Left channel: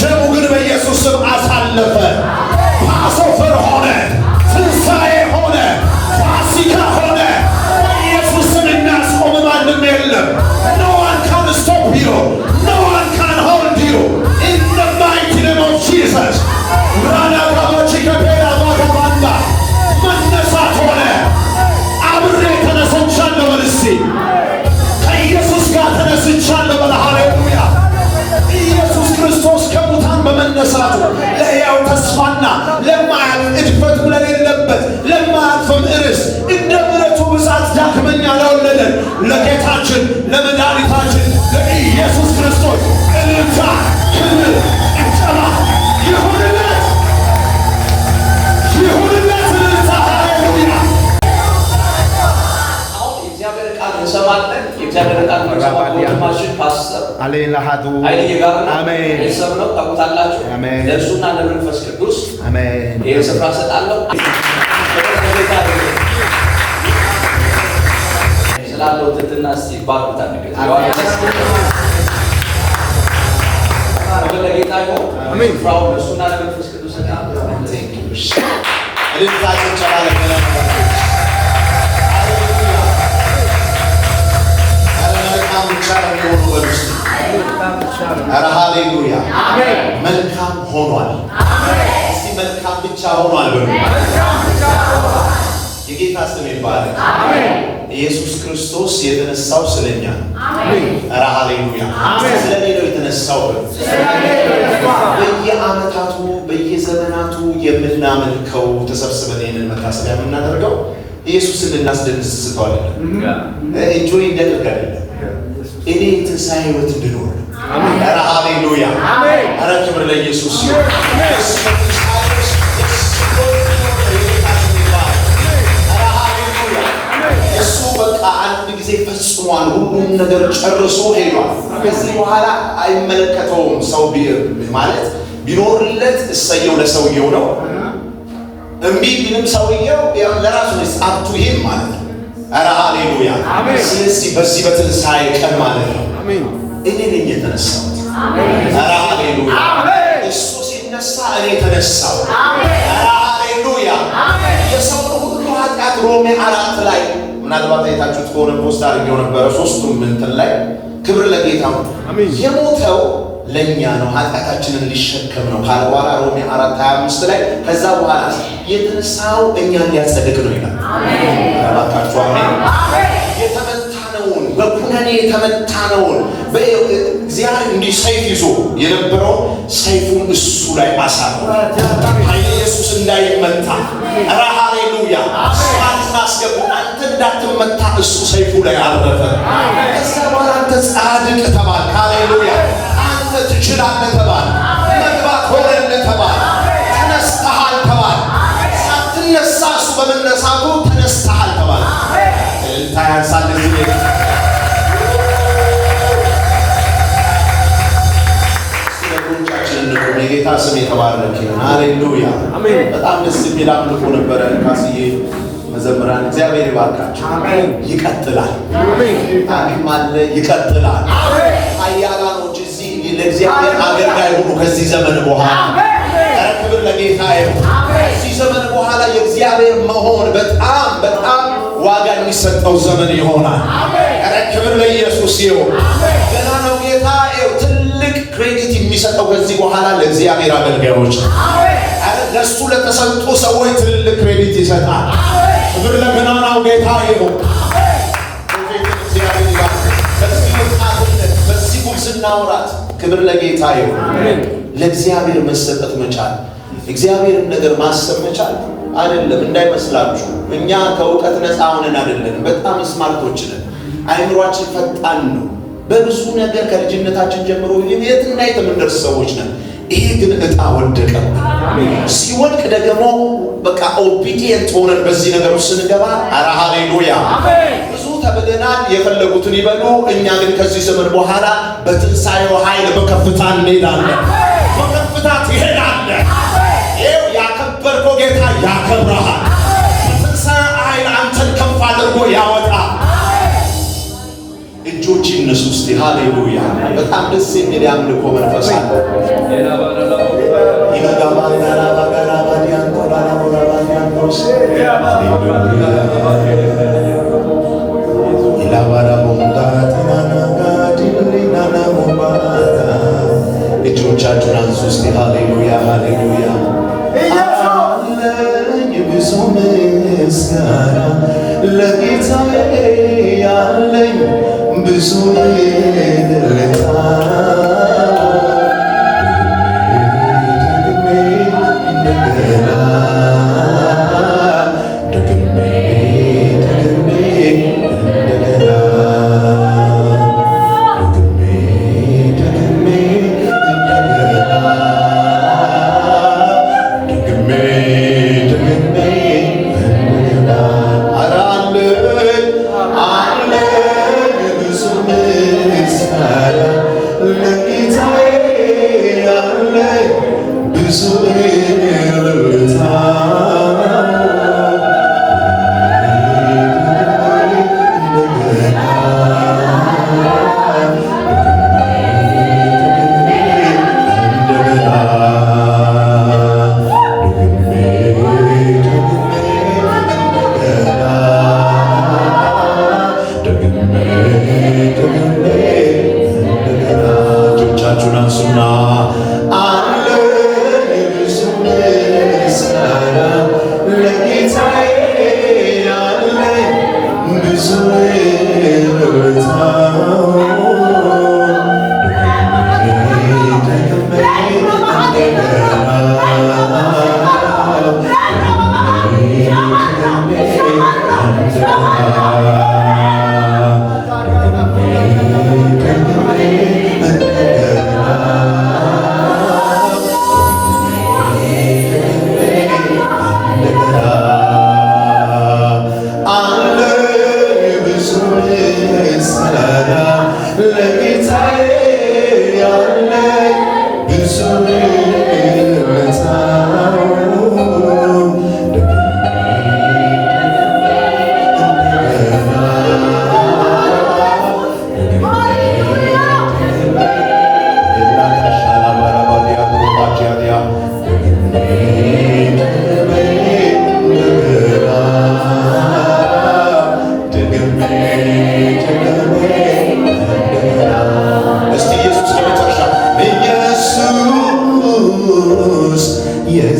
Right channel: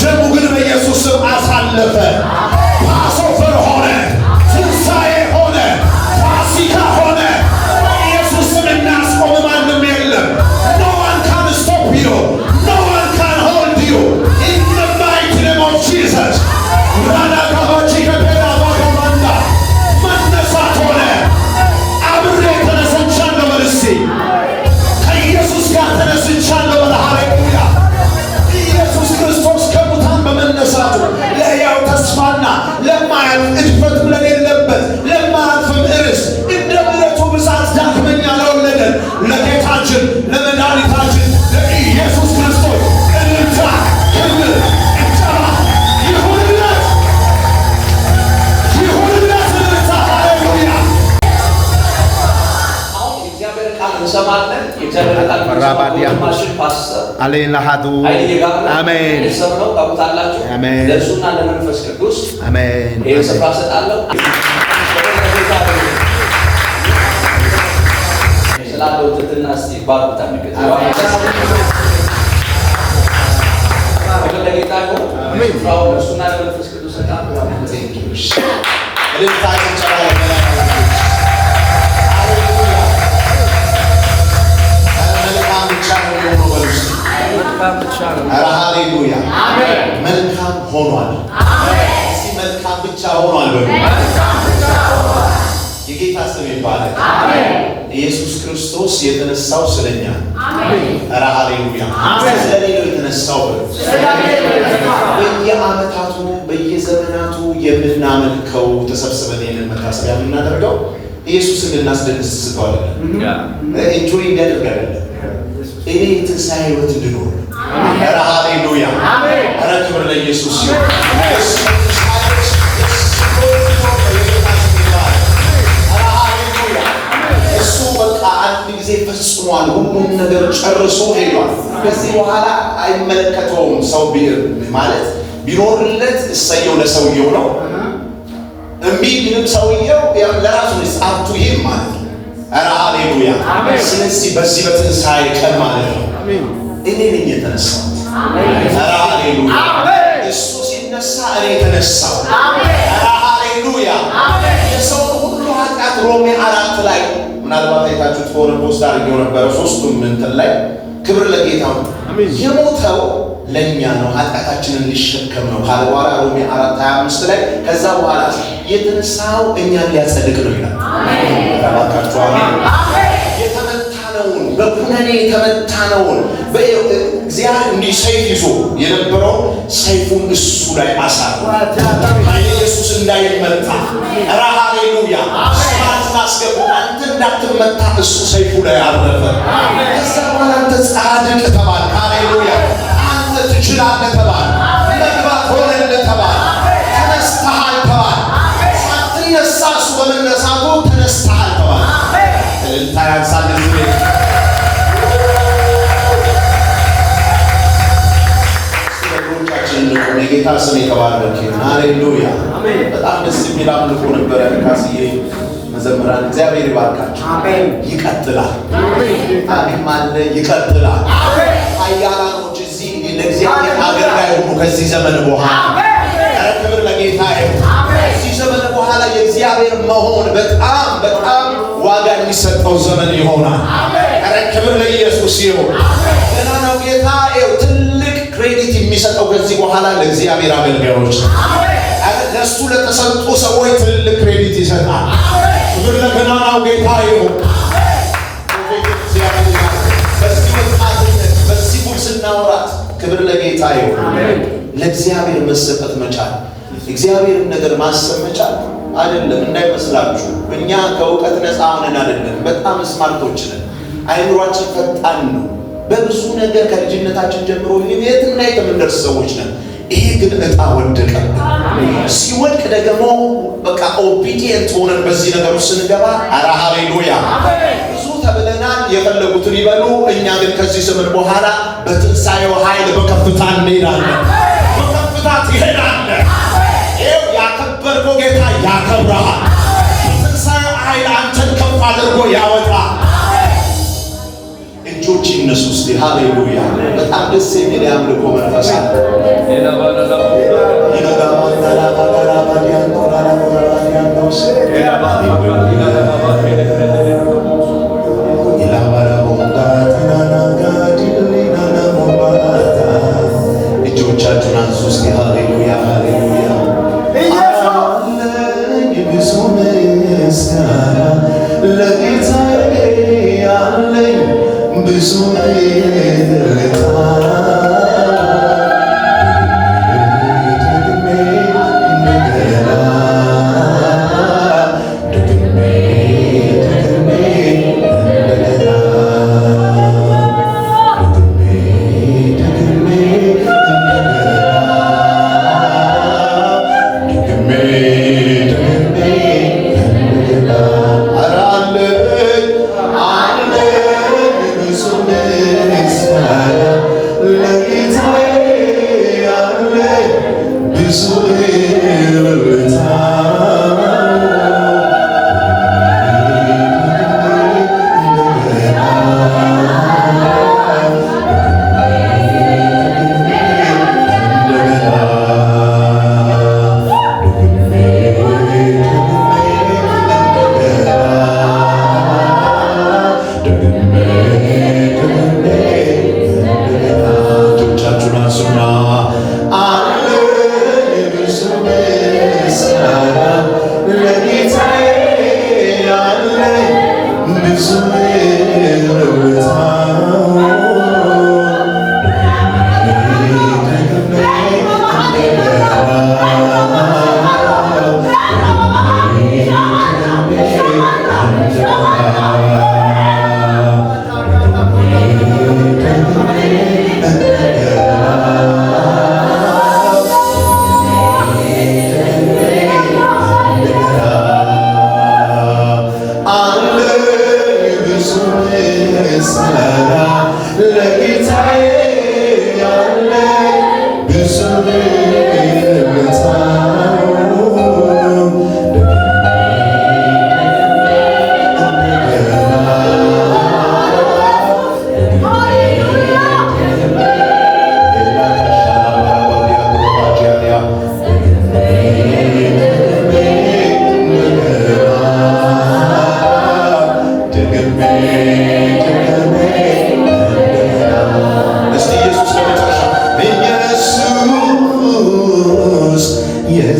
ደሙ ግን በኢየሱስ ስም አሳለፈ። ፓስኦቨር ሆነ፣ ትንሣኤ ሆነ፣ ፋሲካ ሆነ። በኢየሱስ ስም የሚያስቆም ማንም የለም። No one can stop you. No one can hold you. In the mighty name of Jesus. ራዳጋባቺ ከፔራ ባጋማንዳ መነሳት ሆነ። አብሬ ተነስቻለሁ በል እስቲ። ከኢየሱስ ጋር ተነስቻለሁ በል። ሃሌሉያ። ኢየሱስ ክርስቶስ ከሙታን በመነሳቱ ለሕያው ተስፋና ለማያልፍ እድፈት ለሌለበት ለማያልፍም ርስት እንደ ምሕረቱ ብዛት ዳግመኛ ለወለደን ለጌታችን ለመድኃኒታችን ለኢየሱስ ክርስቶስ እልልታ፣ ክብር፣ ጭብጨባ ይሁንለት፣ ይሁንለት እልልታ። ሃሌሉያ። አሁን የእግዚአብሔር ቃል እንሰማለን። የእግዚአብሔር ቃል ማሽን ፓስተር አሌላሃዱ አሜን። የሰብነው ታውቁታላችሁ። አሜን። ለእሱና ለመንፈስ ቅዱስ አሜን። ይህን ስፍራ ሰጣለሁ። ስላለው ትትና እስቲ ባርኩታ ነገር ለጌታ ይሁን። ስፍራው ለእሱና ለመንፈስ ቅዱስ ሰጣለሁ። እልልታችን ጨባለ መልካም ብቻ ነው የሆነው በሉ እስቲ። ኧረ ሃሌሉያ። መልካም ሆኗል። እስቲ መልካም ብቻ ሆኗል በሉ። የጌታ ስም ይባላል። ኢየሱስ ክርስቶስ የተነሳው ስለኛ። ኧረ ሃሌሉያ። ስለኔ ነው የተነሳው በሉ። በየዓመታቱ በየዘመናቱ የምናመልከው ተሰብስበን ይህንን መታሰቢያ የምናደርገው ኢየሱስን ልናስደንስተው አይደለም፣ ኢንጆይ እንዲያደርግ አይደለም። እኔ የትንሣኤ ሕይወት እንድኖር። ኧረ ሃሌሉያ። ኧረ ክብር ለኢየሱስ ይሁን። እሱ በቃ አንድ ጊዜ ፈጽሟል። ሁሉም ነገር ጨርሶ ሄዷል። ከዚህ በኋላ አይመለከተውም። ሰው ማለት ቢኖርለት እሰየው ለሰውየው ነው። እምቢ ቢልም ሰውየው ለራሱ ነው ጻፍቱ ይሄም ማለት ነው። ኧረ ሃሌሉያ። ስለዚህ በዚህ በትንሣኤ ቀን ማለት ነው እኔ ነኝ የተነሳሁት። ኧረ ሃሌሉያ። እሱ ሲነሳ እኔ ተነሳሁ። ኧረ ሃሌሉያ። የሰው ሁሉ ኃጢአት ሮሜ 4 ላይ ምናልባት አይታችሁት ከሆነ ፖስት አድርጌው ነበረ። 3ቱም እንትን ላይ ክብር ለጌታ ነው። የሞተው ለእኛ ነው፣ ኃጢአታችንን ሊሸከም ነው ካለ በኋላ ሮሜ 4:25 ላይ ከዛ በኋላ የተነሳው እኛን ሊያጸድቅ ነው ይላል። እባካችሁ አሜን። የተመታነውን በኩነኔ የተመታነውን እግዚአብሔር እንዲህ ሰይፍ ይዞ የነበረው ሰይፉን እሱ ላይ አሳረፈ። ኢየሱስ እንዳይመታ። ኧረ ሃሌሉያ። ስማት ማስገቡ አንተ እንዳትመታ እሱ ሰይፉ ላይ አረፈ። ከዛ በኋላ አንተ ጻድቅ ተባል። ሃሌሉያ። አንተ ትችላለህ ተባል። መግባት ሆነልህ ተባል። ተነስተሃል ተባል። ሳትነሳ እሱ በመነሳቱ ተነስተሃል ተባል። እልልታ ያንሳል። የጌታ ስም የተባረከ ይሁን። ሃሌሉያ። በጣም ደስ የሚል አምልኮ ነበረ። ካስዬ መዘምራን እግዚአብሔር ይባርካቸው። ይቀጥላል። አሜን አለ። ይቀጥላል። ኃያላኖች እዚህ ለእግዚአብሔር አገልጋይ ሆኑ ከዚህ ዘመን በኋላ። ኧረ ክብር ለጌታ ይሁን። ከዚህ ዘመን በኋላ የእግዚአብሔር መሆን በጣም በጣም ዋጋ የሚሰጠው ዘመን ይሆናል። ኧረ ክብር ለኢየሱስ ይሁን። ገና ነው ጌታ ትልቅ ክሬዲት የሚሰጠው ከዚህ በኋላ ለእግዚአብሔር አገልጋዮች ለእሱ ለተሰጡ ሰዎች ትልቅ ክሬዲት ይሰጣል። ክብር ለገናናው ጌታ ይሁን። በዚህ ጉብዝና ወራት ክብር ለጌታ ይሁን። ለእግዚአብሔር መሰጠት መቻል፣ እግዚአብሔርን ነገር ማሰብ መቻል አይደለም እንዳይመስላችሁ። እኛ ከእውቀት ነፃ ሆነን አይደለም፣ በጣም ስማርቶች ነን። አይምሯችን ፈጣን ነው። በብዙ ነገር ከልጅነታችን ጀምሮ የትና የምንደርስ ሰዎች ነን። ይሄ ግን ዕጣ ወደቀ። ሲወድቅ ደግሞ በቃ ኦቢዲየንት ሆነን በዚህ ነገር ውስጥ ስንገባ ኧረ ሃሌሉያ። ብዙ ተብለናል፣ የፈለጉትን ይበሉ። እኛ ግን ከዚህ ዘመን በኋላ በትንሣኤው ኃይል በከፍታ እንሄዳለን። በከፍታ ትሄዳለህ። ይኸው ያከበርከው ጌታ ያከብረሃል። በትንሣኤው ኃይል አንተን ከፍ አድርጎ ያወጣል። እጆች ይነሱ እስቲ። ሃሌሉያ። በጣም ደስ የሚል የአምልኮ መንፈስ አለ። ኢየሱስ ሃሌሉያ ሃሌሉያ አለኝ ብዙ ምስጋና ለጌታዬ ያለኝ ብዙ እልልታ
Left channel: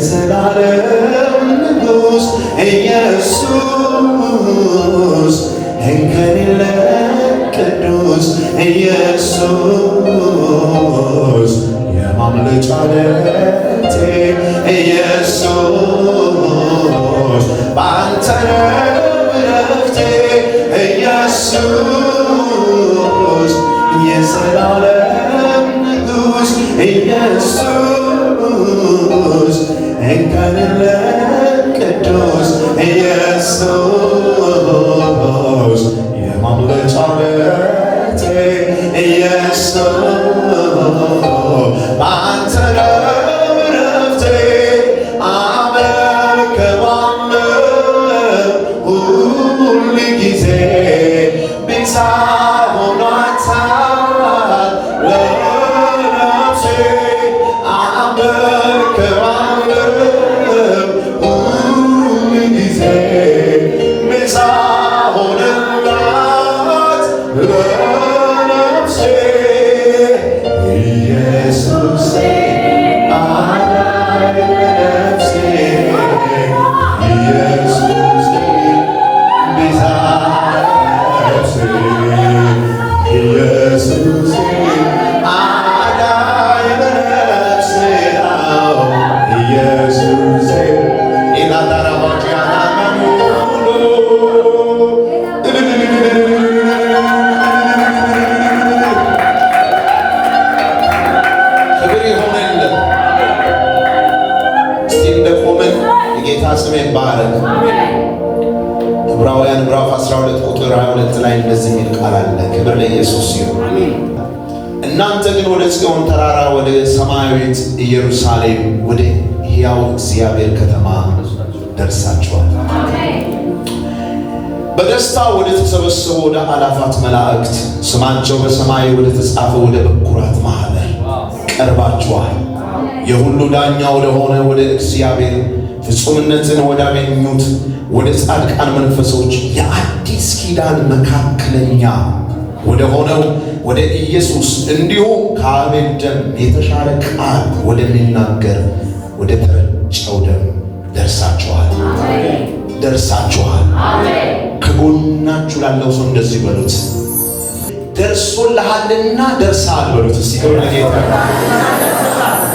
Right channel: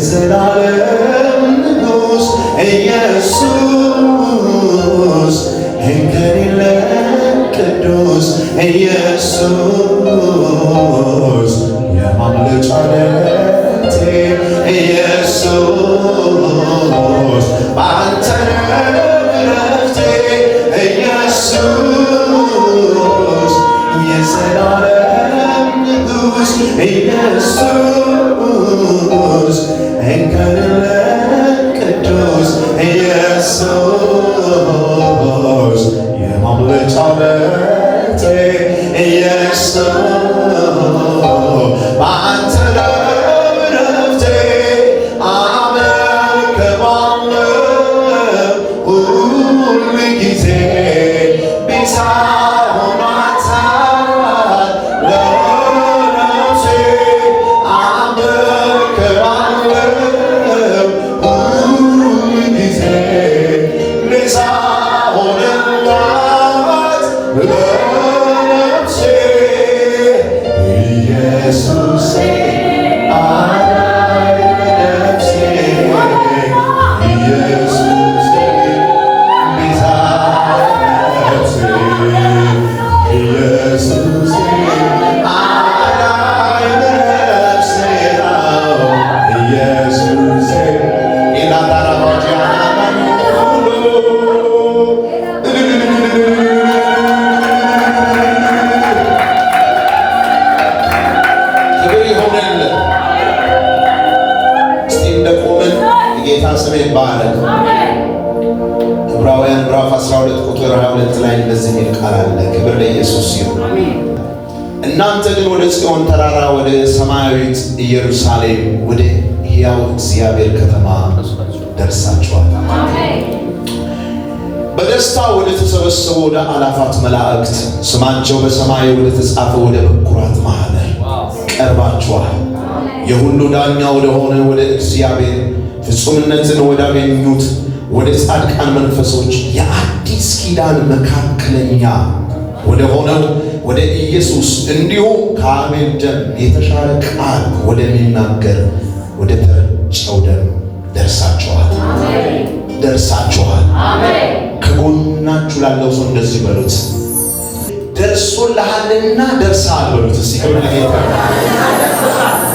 የዘላለም ንጉሥ ኢየሱስ እንከን የለም ቅዱስ ኢየሱስ የማምለጫ ዓለቴ ኢየሱስ በአንተ ነው ዕረፍቴ ኢየሱስ የዘላለም ንጉሥ ኢየሱስ እንከን የለም ቅዱስ ኢየሱስ የማምለጫ ዓለቴ ኢየሱስ በአንተ ነው ዕረፍቴ አመልክሃለሁ ሁልጊዜ ቤዛ ሆኗታል ለነፍሴ አመልክሃለሁ ሁልጊዜ ቤዛ ሆነላት ለነፍሴ ኢየሱሴ አዳኝ ለነፍሴ ኢየሱሴ ቤዛ ነፍሴ ኢየሱሴ አዳኝ ለነፍሴ ኢየሱሴ ክብር ይሁንልን። እስቲ እንደቆምን የጌታ ስም ይባረክ። ዕብራውያን ምዕራፍ 12 ቁጥር 22 ላይ እንደዚህ የሚል ቃል አለ። ክብር ለኢየሱስ ይሁን። እናንተ ግን ወደ ጽዮን ተራራ ወደ ሰማያዊት ኢየሩሳሌም ወደ ሕያው እግዚአብሔር ከተማ ደርሳችኋል። በደስታ ወደ ተሰበሰቡ ወደ አላፋት መላእክት ስማቸው በሰማይ ወደ ተጻፈ ወደ በኩራት ማኅበር ቀርባችኋል። የሁሉ ዳኛ ወደ ሆነ ወደ እግዚአብሔር ፍጹምነትን ወዳገኙት ወደ ጻድቃን መንፈሶች የአዲስ ኪዳን መካከለኛ ወደ ሆነው ወደ ኢየሱስ እንዲሁም ከአቤል ደም የተሻለ ቃል ወደሚናገር ወደ ተረጨው ደም ደርሳችኋል። ደርሳችኋል። ከጎናችሁ ላለው ሰው እንደዚህ በሉት፣ ደርሶልሃልና ደርሰሃል በሉት። እስቲ ለጌታ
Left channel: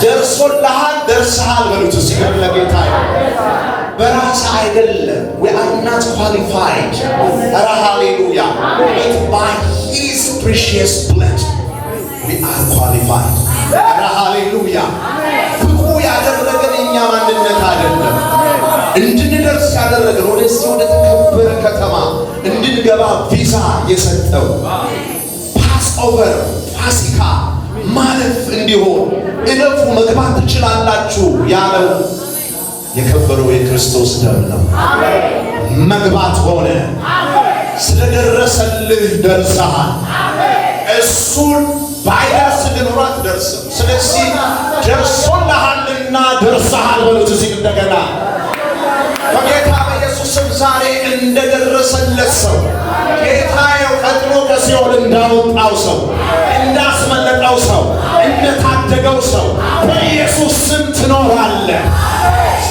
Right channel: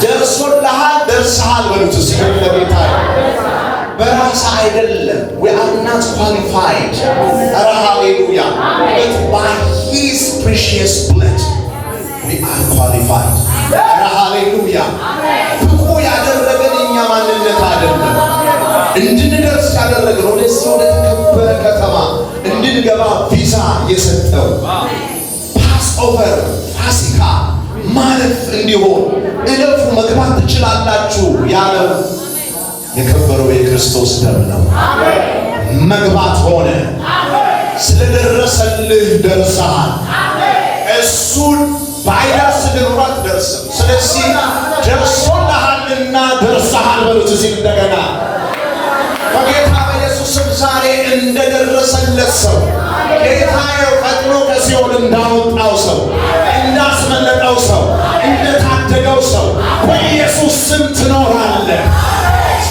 ደርሶልሃል ደርሰሃል በሉት። እስቲ ለጌታ በራስ አይደለም። we are not qualified. Hallelujah. But by his precious blood we are qualified. Hallelujah. ብቁ ያደረገን እኛ ማንነት አይደለም። እንድንደርስ ያደረገን ወደዚህ ወደ ተከበረ ከተማ እንድንገባ ቪዛ የሰጠው ፓስ ኦቨር ፋሲካ ማለፍ እንዲሆን እለፉ መግባት ትችላላችሁ ያለው የከበረው የክርስቶስ ደም ነው። መግባት ሆነ። ስለደረሰልህ ደርሰሃል። እሱን ባይደርስ ኖሮ አትደርስም። ስለዚህ ደርሶልሃልና ደርሰሃል በሉት። እዚህ እንደገና በጌታ በኢየሱስ ስም ዛሬ እንደደረሰለት ሰው ጌታዬው ፈጥኖ ከሲኦል እንዳወጣው ሰው፣ እንዳስመለጠው ሰው፣ እንደታደገው ሰው በኢየሱስ ስም ትኖራለህ።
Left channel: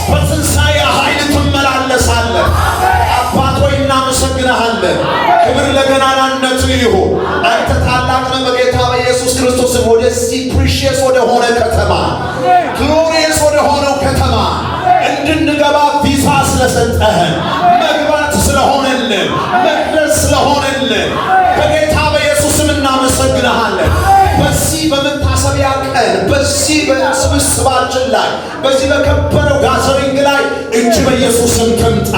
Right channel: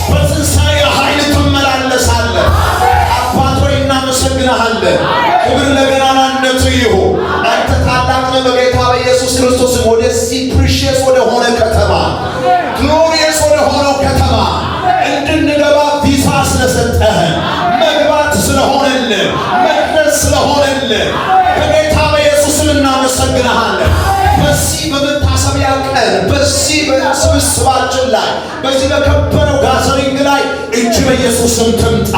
በትንሣኤ ኃይል ትመላለሳለህ። አባት ሆይ እናመሰግንሃለን። ክብር ለገናናነቱ ይሁን። አንተ ታላቅ ነህ። በጌታ በኢየሱስ ክርስቶስ ወደዚህ ፕሪሺየስ ወደ ሆነ ከተማ ግሎሪየስ ወደ ሆነው ከተማ እንድንገባ ቪዛ ስለሰጠህን መግባት ስለሆነልን መድረስ ስለሆነልን በጌታ በኢየሱስም እናመሰግንሃለን። በዚህ በመታሰቢያ ቀን በዚህ በስብስባችን ላይ በዚህ በከበረው ጋዘሪንግ ላይ እጅ በኢየሱስም ትምጣ።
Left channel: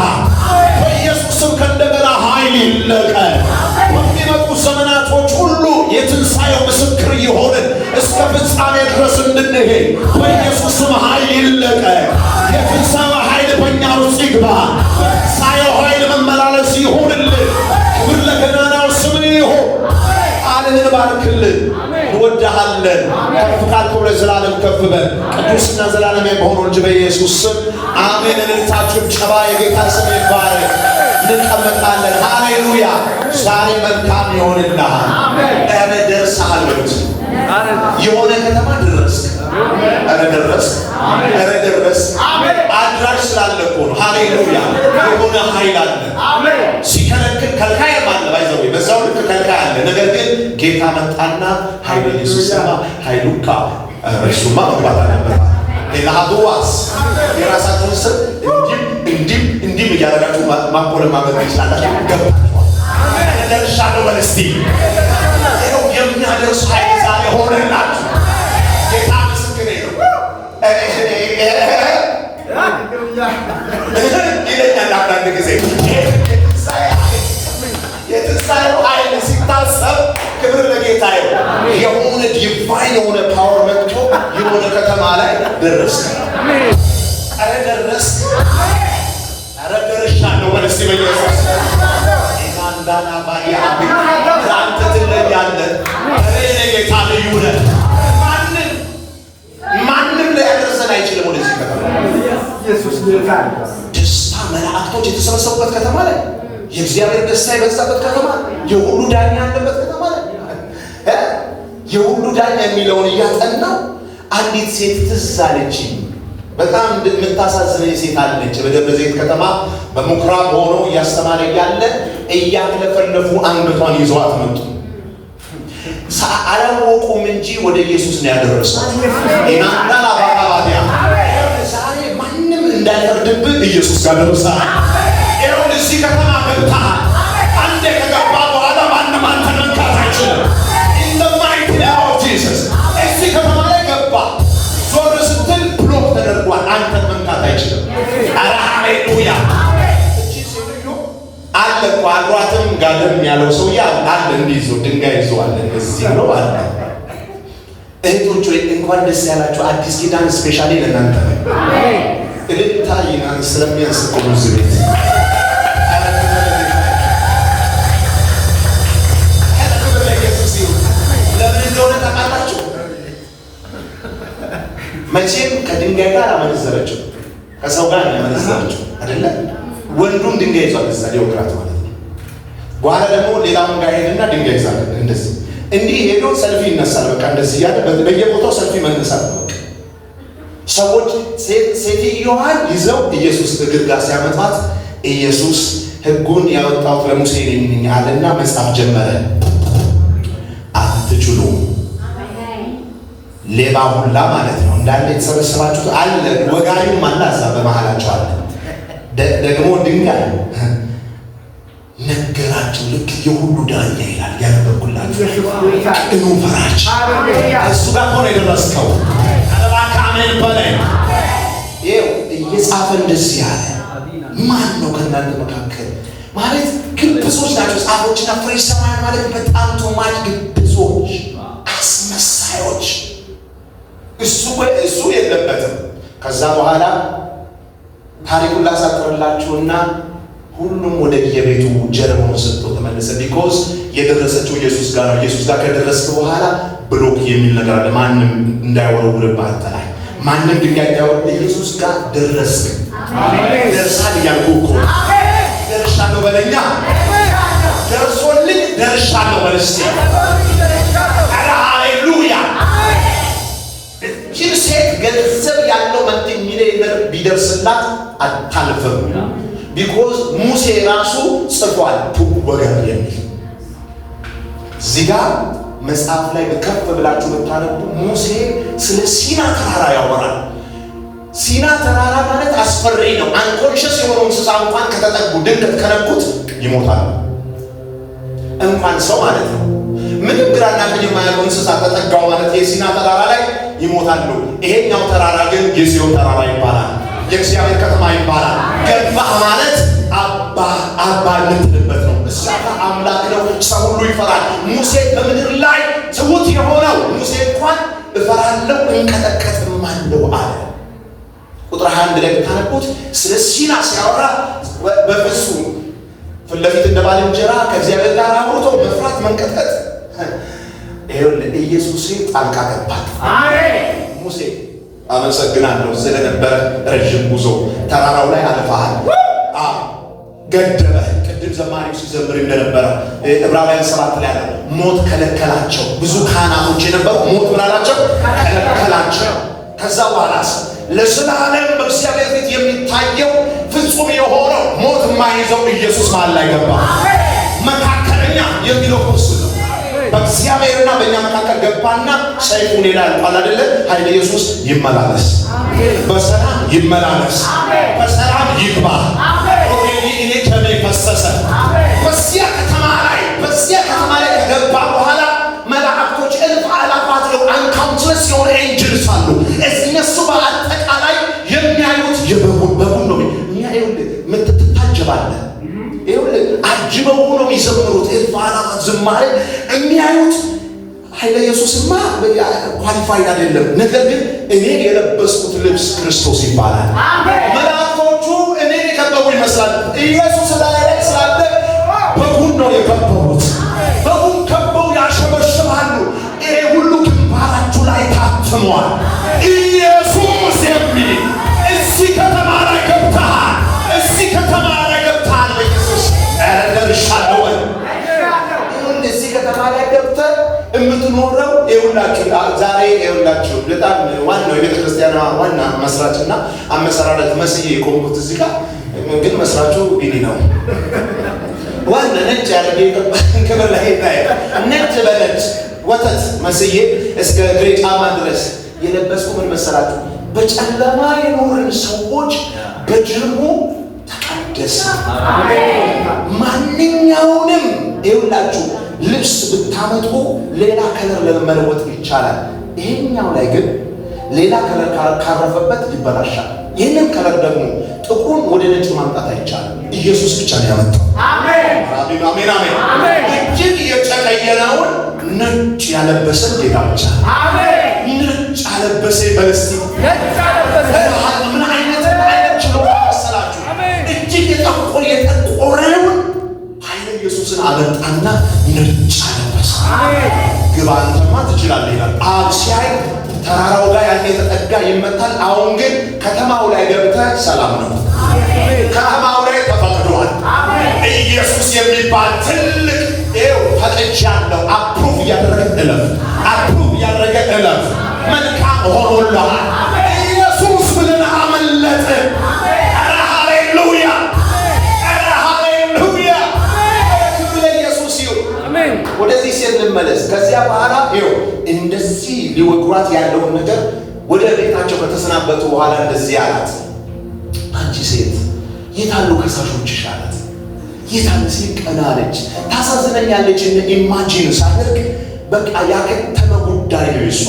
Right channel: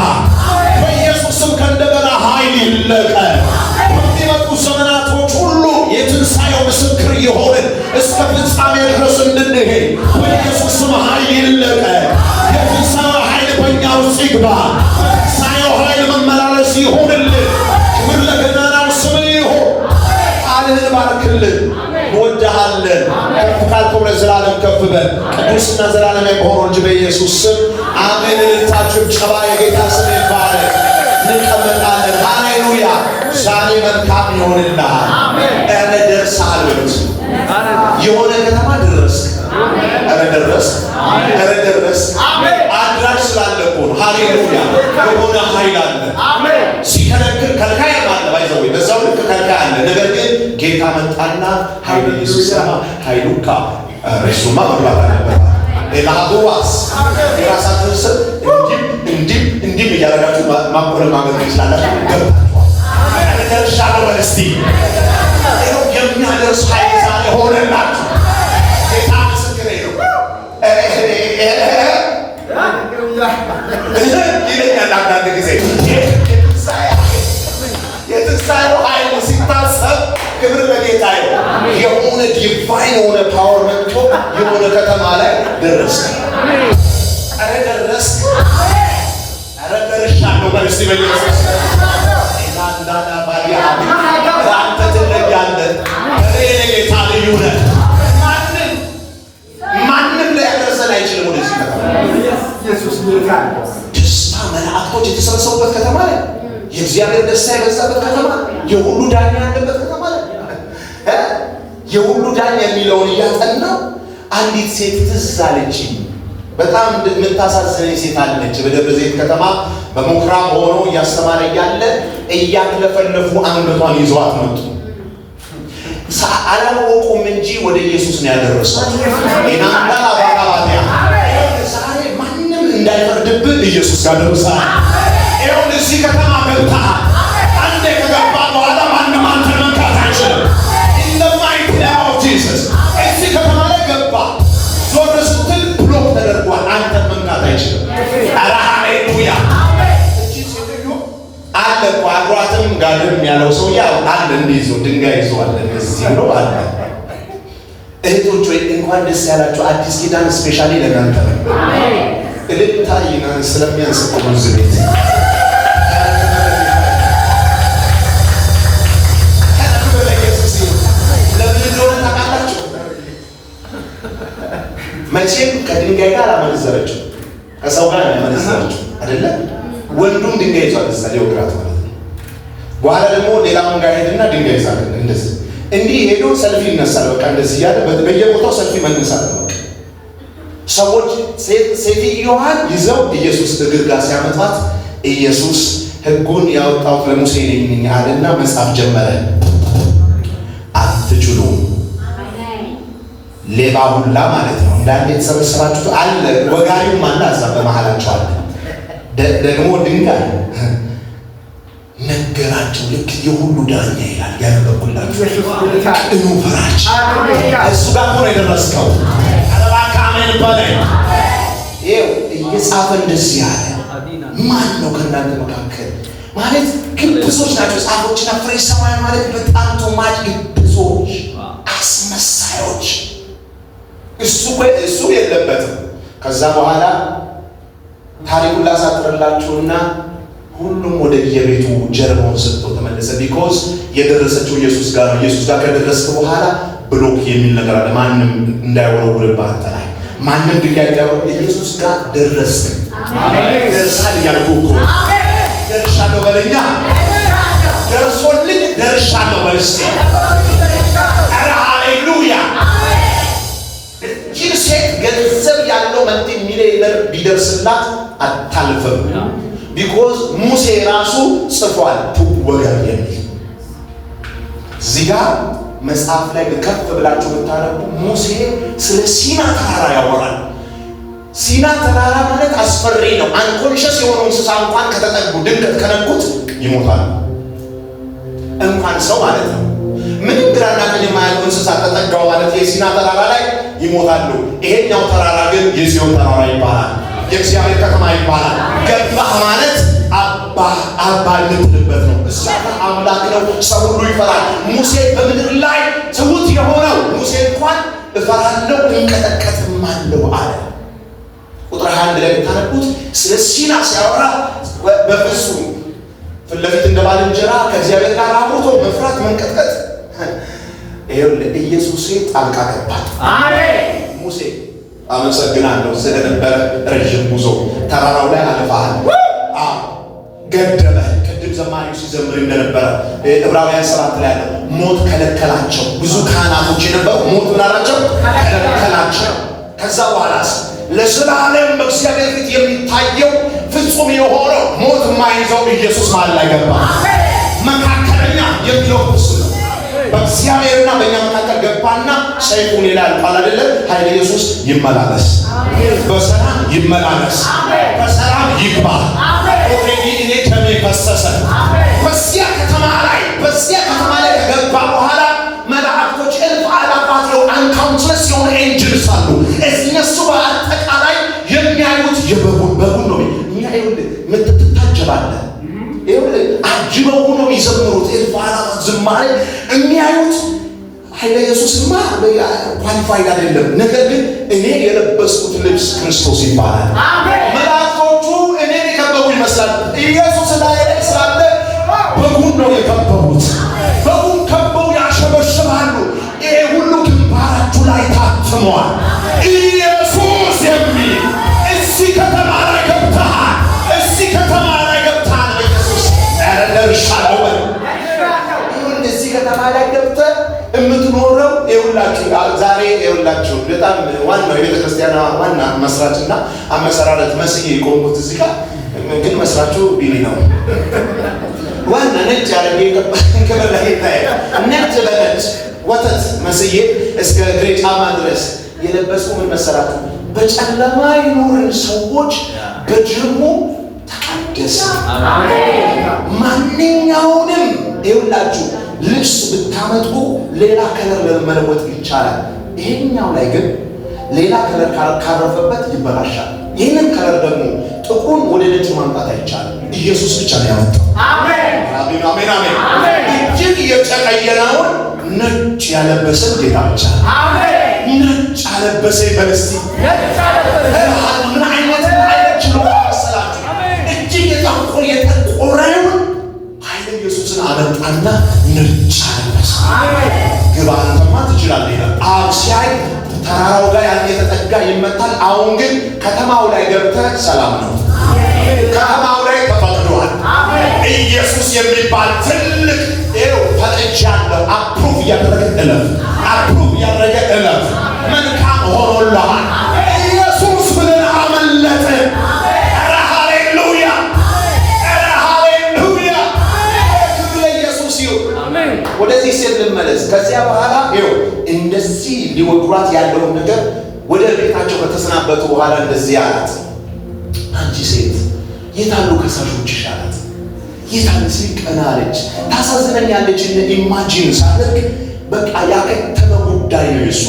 በኢየሱስም ከእንደገና ኃይል ይለቀቅ። በሚመጡ ዘመናቶች ሁሉ የትንሣኤው ምስክር የሆንን እስከ ፍጻሜ ድረስ እንድንሄድ በኢየሱስም ኃይል ይለቀቅ። የትንሣኤው ኃይል በእኛ ውስጥ ይግባ። በትንሣኤው ኃይል መመላለስ ይሁንልን። ክብር ለገናናው ስም ይሁን። ቃልህን ባርክልን። እንወድሃለን። ከፍ ካልከው ለዘላለም ከፍ በል። ቅዱስና ዘላለማዊ በሆነው እንጂ በኢየሱስ ስም አሜን። እልልታችሁ ጭባ የጌታ ስም ይባረክ። እንቀመጣለን። ሃሌሉያ። ዛሬ መልካም ይሆንልሃል። ኧረ ደርሰሃል በሉት። የሆነ ከተማ ደረስክ። ኧረ ደረስክ። ኧረ ደረስክ። አድራሽ ስላለ እኮ ነው። ሃሌሉያ። የሆነ ኃይል አለ። ሲከለክል ከልካይ አለ። ባይዘው በዛው ልክ ከልካይ አለ። ነገር ግን ጌታ መጣና ኃይል ኢየሱስ ኃይሉካ እሱማ መብላት አለበት። ኤናዱዋስ የራሳችሁን ስም እንዲህ እያደረጋችሁ ማቆለማመጥ ትችላላችሁ። ገባችኋል? ደርሻለሁ በል እስቲ። የሚያደርስ ኃይል ዛሬ ሆነላችሁ። ጌታ ምስክሬ ነው ይለኛል አንዳንድ ጊዜ የትንሣኤው ኃይል ሲታሰብ ክብር ለጌታ ይሁን። የሆነ ዲቫይን የሆነ ፓወር መጥቶ የሆነ ከተማ ላይ ደረስክ። ኧረ ደረስክ። ኧረ ደርሻለሁ በል እስቲ በኢየሱስ እናንዳና ባዲያ አንተ ትለያለህ። ኧረ የኔ ጌታ ልዩ ነህ። ማንም ላይ ያደርሰን አይችልም። ወደዚህ ከተማ ኢየሱስ ልካል። ደስታ መላእክቶች የተሰበሰቡበት ከተማ ላይ የእግዚአብሔር ደስታ የበዛበት ከተማ፣ የሁሉ ዳኛ ያለበት ከተማ ላይ የሁሉ ዳኛ የሚለውን እያጠናው አንዲት ሴት ትዝ አለችኝ። በጣም የምታሳዝነኝ ሴት አለች። በደብረ ዘይት ከተማ በምኩራብ ሆኖ እያስተማረ እያለ እያክለፈለፉ አንገቷን ይዘዋት መጡ። አላወቁም እንጂ ወደ ኢየሱስ ነው ያደረሷት። እናንተና ባባዲያ ዛሬ ማንም እንዳይፈርድብህ ኢየሱስ ጋር ደርሰሃል። ይሁን እዚህ ከተማ ገብተሃል። አንዴ ከገባ በኋላ ማንም አንተ መንካት አይችልም። ኢንደማይት ናው ጂሰስ እዚህ ከተማ ላይ ገባ። ዞር ስትል ብሎክ ተደርጓል። አንተ መንካት አይችልም። ኧረ ሃሌሉያ። እቺ ሴትዮ አለ እኮ አብሯትም ጋደም ያለው ሰው አለ። እንዲህ ይዞ ድንጋይ ይዟል። እንደዚህ ብሎ አለ። እህቶች ወይ እንኳን ደስ ያላችሁ። አዲስ ኪዳን ስፔሻሊ ለእናንተ ነው። እልልታ ይናን ስለሚያንስ እኮ ብዙ ቤት መቼም ከድንጋይ ጋር አላመነዘረችው፣ ከሰው ጋር ያመነዘረችው አይደለ? ወንዱም ድንጋይ ይዟል እዛ ሊወግራት ማለት ነው። በኋላ ደግሞ ሌላ መንጋ ሄድና ድንጋይ ይዛል። እንደዚህ እንዲህ ሄዶ ሰልፊ ይነሳል። በቃ እንደዚህ ያለ በየቦታው ሰልፊ መነሳት ነው። ሰዎች ሴትዮዋን ይዘው ኢየሱስ እግር ጋር ሲያመጣት ኢየሱስ ሕጉን ያወጣሁት ለሙሴ ነኝ አለና መጻፍ ጀመረ። አትችሉም። ሌባ ሁላ ማለት ነው እንዳለ የተሰበሰባችሁት አለ። ወጋሪውም አለ እዛ በመሃላቸው አለ። ደግሞ ድንጋይ ነገራቸው። ልክ የሁሉ ዳኛ ይላል ያነበብኩላችሁ። ቅኑ ፈራጅ እሱ ጋር ሆነ የደረስከው አለባካምን በላይ ይኸው እየጻፈ እንደዚህ ያለ ማን ነው ከእናንተ መካከል ማለት ግብዞች ናቸው ጻፎችና ፈሪሳውያን ማለት በጣም ቶማች ግብዞች አስመሳዮች። እሱ የለበትም። ከዛ በኋላ ታሪኩን ላሳጥርላችሁና ሁሉም ወደ የቤቱ ጀርባውን ሰጥቶ ተመለሰ። ቢኮዝ የደረሰችው ኢየሱስ ጋር ነው። ኢየሱስ ጋር ከደረስክ በኋላ ብሎክ የሚል ነገር አለ። ማንም እንዳይወረውርብህ አንተ ላይ ማንም ድንጋይ እንዳይወረውር ኢየሱስ ጋር ደረስክ። ደርሳል እያልኩ እኮ ደርሻለሁ በለኛ። ደርሶልኝ ደርሻለሁ በልስቴ። ኧረ ሃሌሉያ። ይህን ሴት ገንዘብ ያለው መልቲ ሚሊዮነር ቢደርስላት አታልፍም። ቢኮዝ ሙሴ ራሱ ጽፏል ወገን የሚል እዚህ ጋር መጽሐፍ ላይ ከፍ ብላችሁ ብታነቡ ሙሴ ስለ ሲና ተራራ ያወራል። ሲና ተራራ ማለት አስፈሪ ነው። አንኮንሸስ የሆኑ እንስሳ እንኳን ከተጠጉ ድንገት ከነኩት ይሞታል። እንኳን ሰው ማለት ነው። ምንም ግራና ቀኝ የማያውቁ እንስሳ ተጠጋው ማለት የሲና ተራራ ላይ ይሞታሉ። ይሄኛው ተራራ ግን የጽዮን ተራራ ይባላል። የእግዚአብሔር ከተማ ይባላል። ገባህ ማለት አባ ልትልበት ነው። እዛ አምላክ ነው። ሰው ሁሉ ይፈራል። ሙሴ በምድር ላይ ትሑት የሆነው ሙሴ እንኳን እፈራለሁ እንቀጠቀጥማለሁ አለ። ቁጥር 21 ላይ ብታነቡት ስለ ሲና ሲያወራ በፍጹም ፊት ለፊት እንደ ባልንጀራ ከእግዚአብሔር ጋር አብሮቶ መፍራት መንቀጥቀጥ። ይኸውልህ ኢየሱስ ጣልቃ ገባ። ሙሴ አመሰግናለሁ ስለነበረ ረዥም ጉዞ ተራራው ላይ አልፈሃል። ገደበ። ቅድም ዘማሪው ሲዘምር እንደነበረ ዕብራውያን 7 ላይ ያለው ሞት ከለከላቸው። ብዙ ካህናቶች የነበሩ ሞት ብላላቸው ከለከላቸው። ከዛ በኋላስ ለዘላለም በእግዚአብሔር ፊት የሚታየው ፍጹም የሆነው ሞት የማይዘው ኢየሱስ መሃል ላይ ገባ። መካከለኛ የሚለው እሱ ነው። በእግዚአብሔርና በእኛ መካከል ገባና ሰይፉን ይላል ቃል አይደለ? ኃይለ ኢየሱስ ይመላለስ፣ በሰላም ይመላለስ፣ በሰላም ይግባ። ኦኬ እኔ ደሜ ፈሰሰ። በዚያ ከተማ ላይ ከገባ በኋላ መላእክቶች እልፍ አላፋት ነው አንካውንትለስ የሆነ ኤንጅልስ አሉ። እነሱ በአጠቃላይ የሚያዩት በጉን ነው የሚያዩት። ምትታጀባለህ ይኸውልህ አጅበው ሆኖ የሚዘምሩት እልፍ አላፋት ዝማሬ የሚያዩት ኃይለ ኢየሱስማ ኳሊፋይድ አይደለም። ነገር ግን እኔ የለበስኩት ልብስ ክርስቶስ ይባላል። መላእክቶቹ እኔ የከበቡ ይመስላል። ኢየሱስ ላይ ስላለ በጉን ነው የከበቡት። በጉን ከበው ያሸበሽባሉ። ይሄ ሁሉ ግንባራችሁ ላይ ታትሟል። ኢየሱስ የሚል እዚህ ከተማ ላይ ገብተሃል። እዚህ ከተማ ላይ ገብተሃል። በኢየሱስ ደርሻለሁ። እዚህ ከተማ ላይ ገብተህ የምትኖረው ይኸውላችሁ ዛሬ ይኸውላችሁ በጣም ዋናው የቤተ ክርስቲያኗ ዋና መስራችና አመሰራረት መስዬ የቆምኩት እዚህ ጋር ግን መስራቹ ቢኒ ነው። ዋና ነጭ ያደርገ ክብር ላይ ታይ ነጭ በነጭ ወተት መስዬ እስከ እግሬ ጫማ ድረስ የለበስኩ ምን መሰራችሁ? በጨለማ የኖርን ሰዎች በጅርሙ ተቀደሰ። ማንኛውንም ይኸውላችሁ ልብስ ብታመጡ ሌላ ከለር ለመለወጥ ይቻላል። ይሄኛው ላይ ግን ሌላ ከለር ካረፈበት ይበላሻል። ይህንን ከለር ደግሞ ጥቁሩን ወደ ነጭ ማምጣት አይቻልም። ኢየሱስ ብቻ ነው ያመጣው። አሜን አሜን አሜን። እጅግ የተቀየረውን ነጭ ያለበሰን ጌታ ብቻ ነው። አሜን። ነጭ ያለበሰ በለስቲ ምን አይነት ችሎታ መሰላችሁ? እጅግ የጠቆረውን ኃይለ ኢየሱስን አመጣና ነጭ አለበሰ። ግባ አንተማ ትችላለህ ይላል። አብ ሲያይ ተራራው ጋር ያለ የተጠጋ ይመታል። አሁን ግን ከተማው ላይ ገብተህ ሰላም ነው። ከተማው ላይ ተፈቅዷል። ኢየሱስ የሚባል ትልቅ ፈቅጃለሁ። አፕሩቭ እያደረገ እለፍ፣ አፕሩቭ እያደረገ እለፍ። መልካም ሆኖልሃል ኢየሱስ ብለን አመለጥን። ኧረ ሃሌሉያ፣ ኧረ ሃሌሉያ። ክብር ለኢየሱስ ይሁን። ወደዚህ ሴት ልመለስ። ከዚያ በኋላ ይኸው እንደዚህ ሊወግሯት ያለውን ነገር ወደ ቤታቸው ከተሰናበቱ በኋላ እንደዚህ አላት፣ አንቺ ሴት የታሉ ከሳሾችሽ አላት። የታለ ሲል ቀና አለች። ታሳዝነኛለች። ኢማጂን ሳደርግ በቃ ያከተመ ጉዳይ ነው፣ የሷ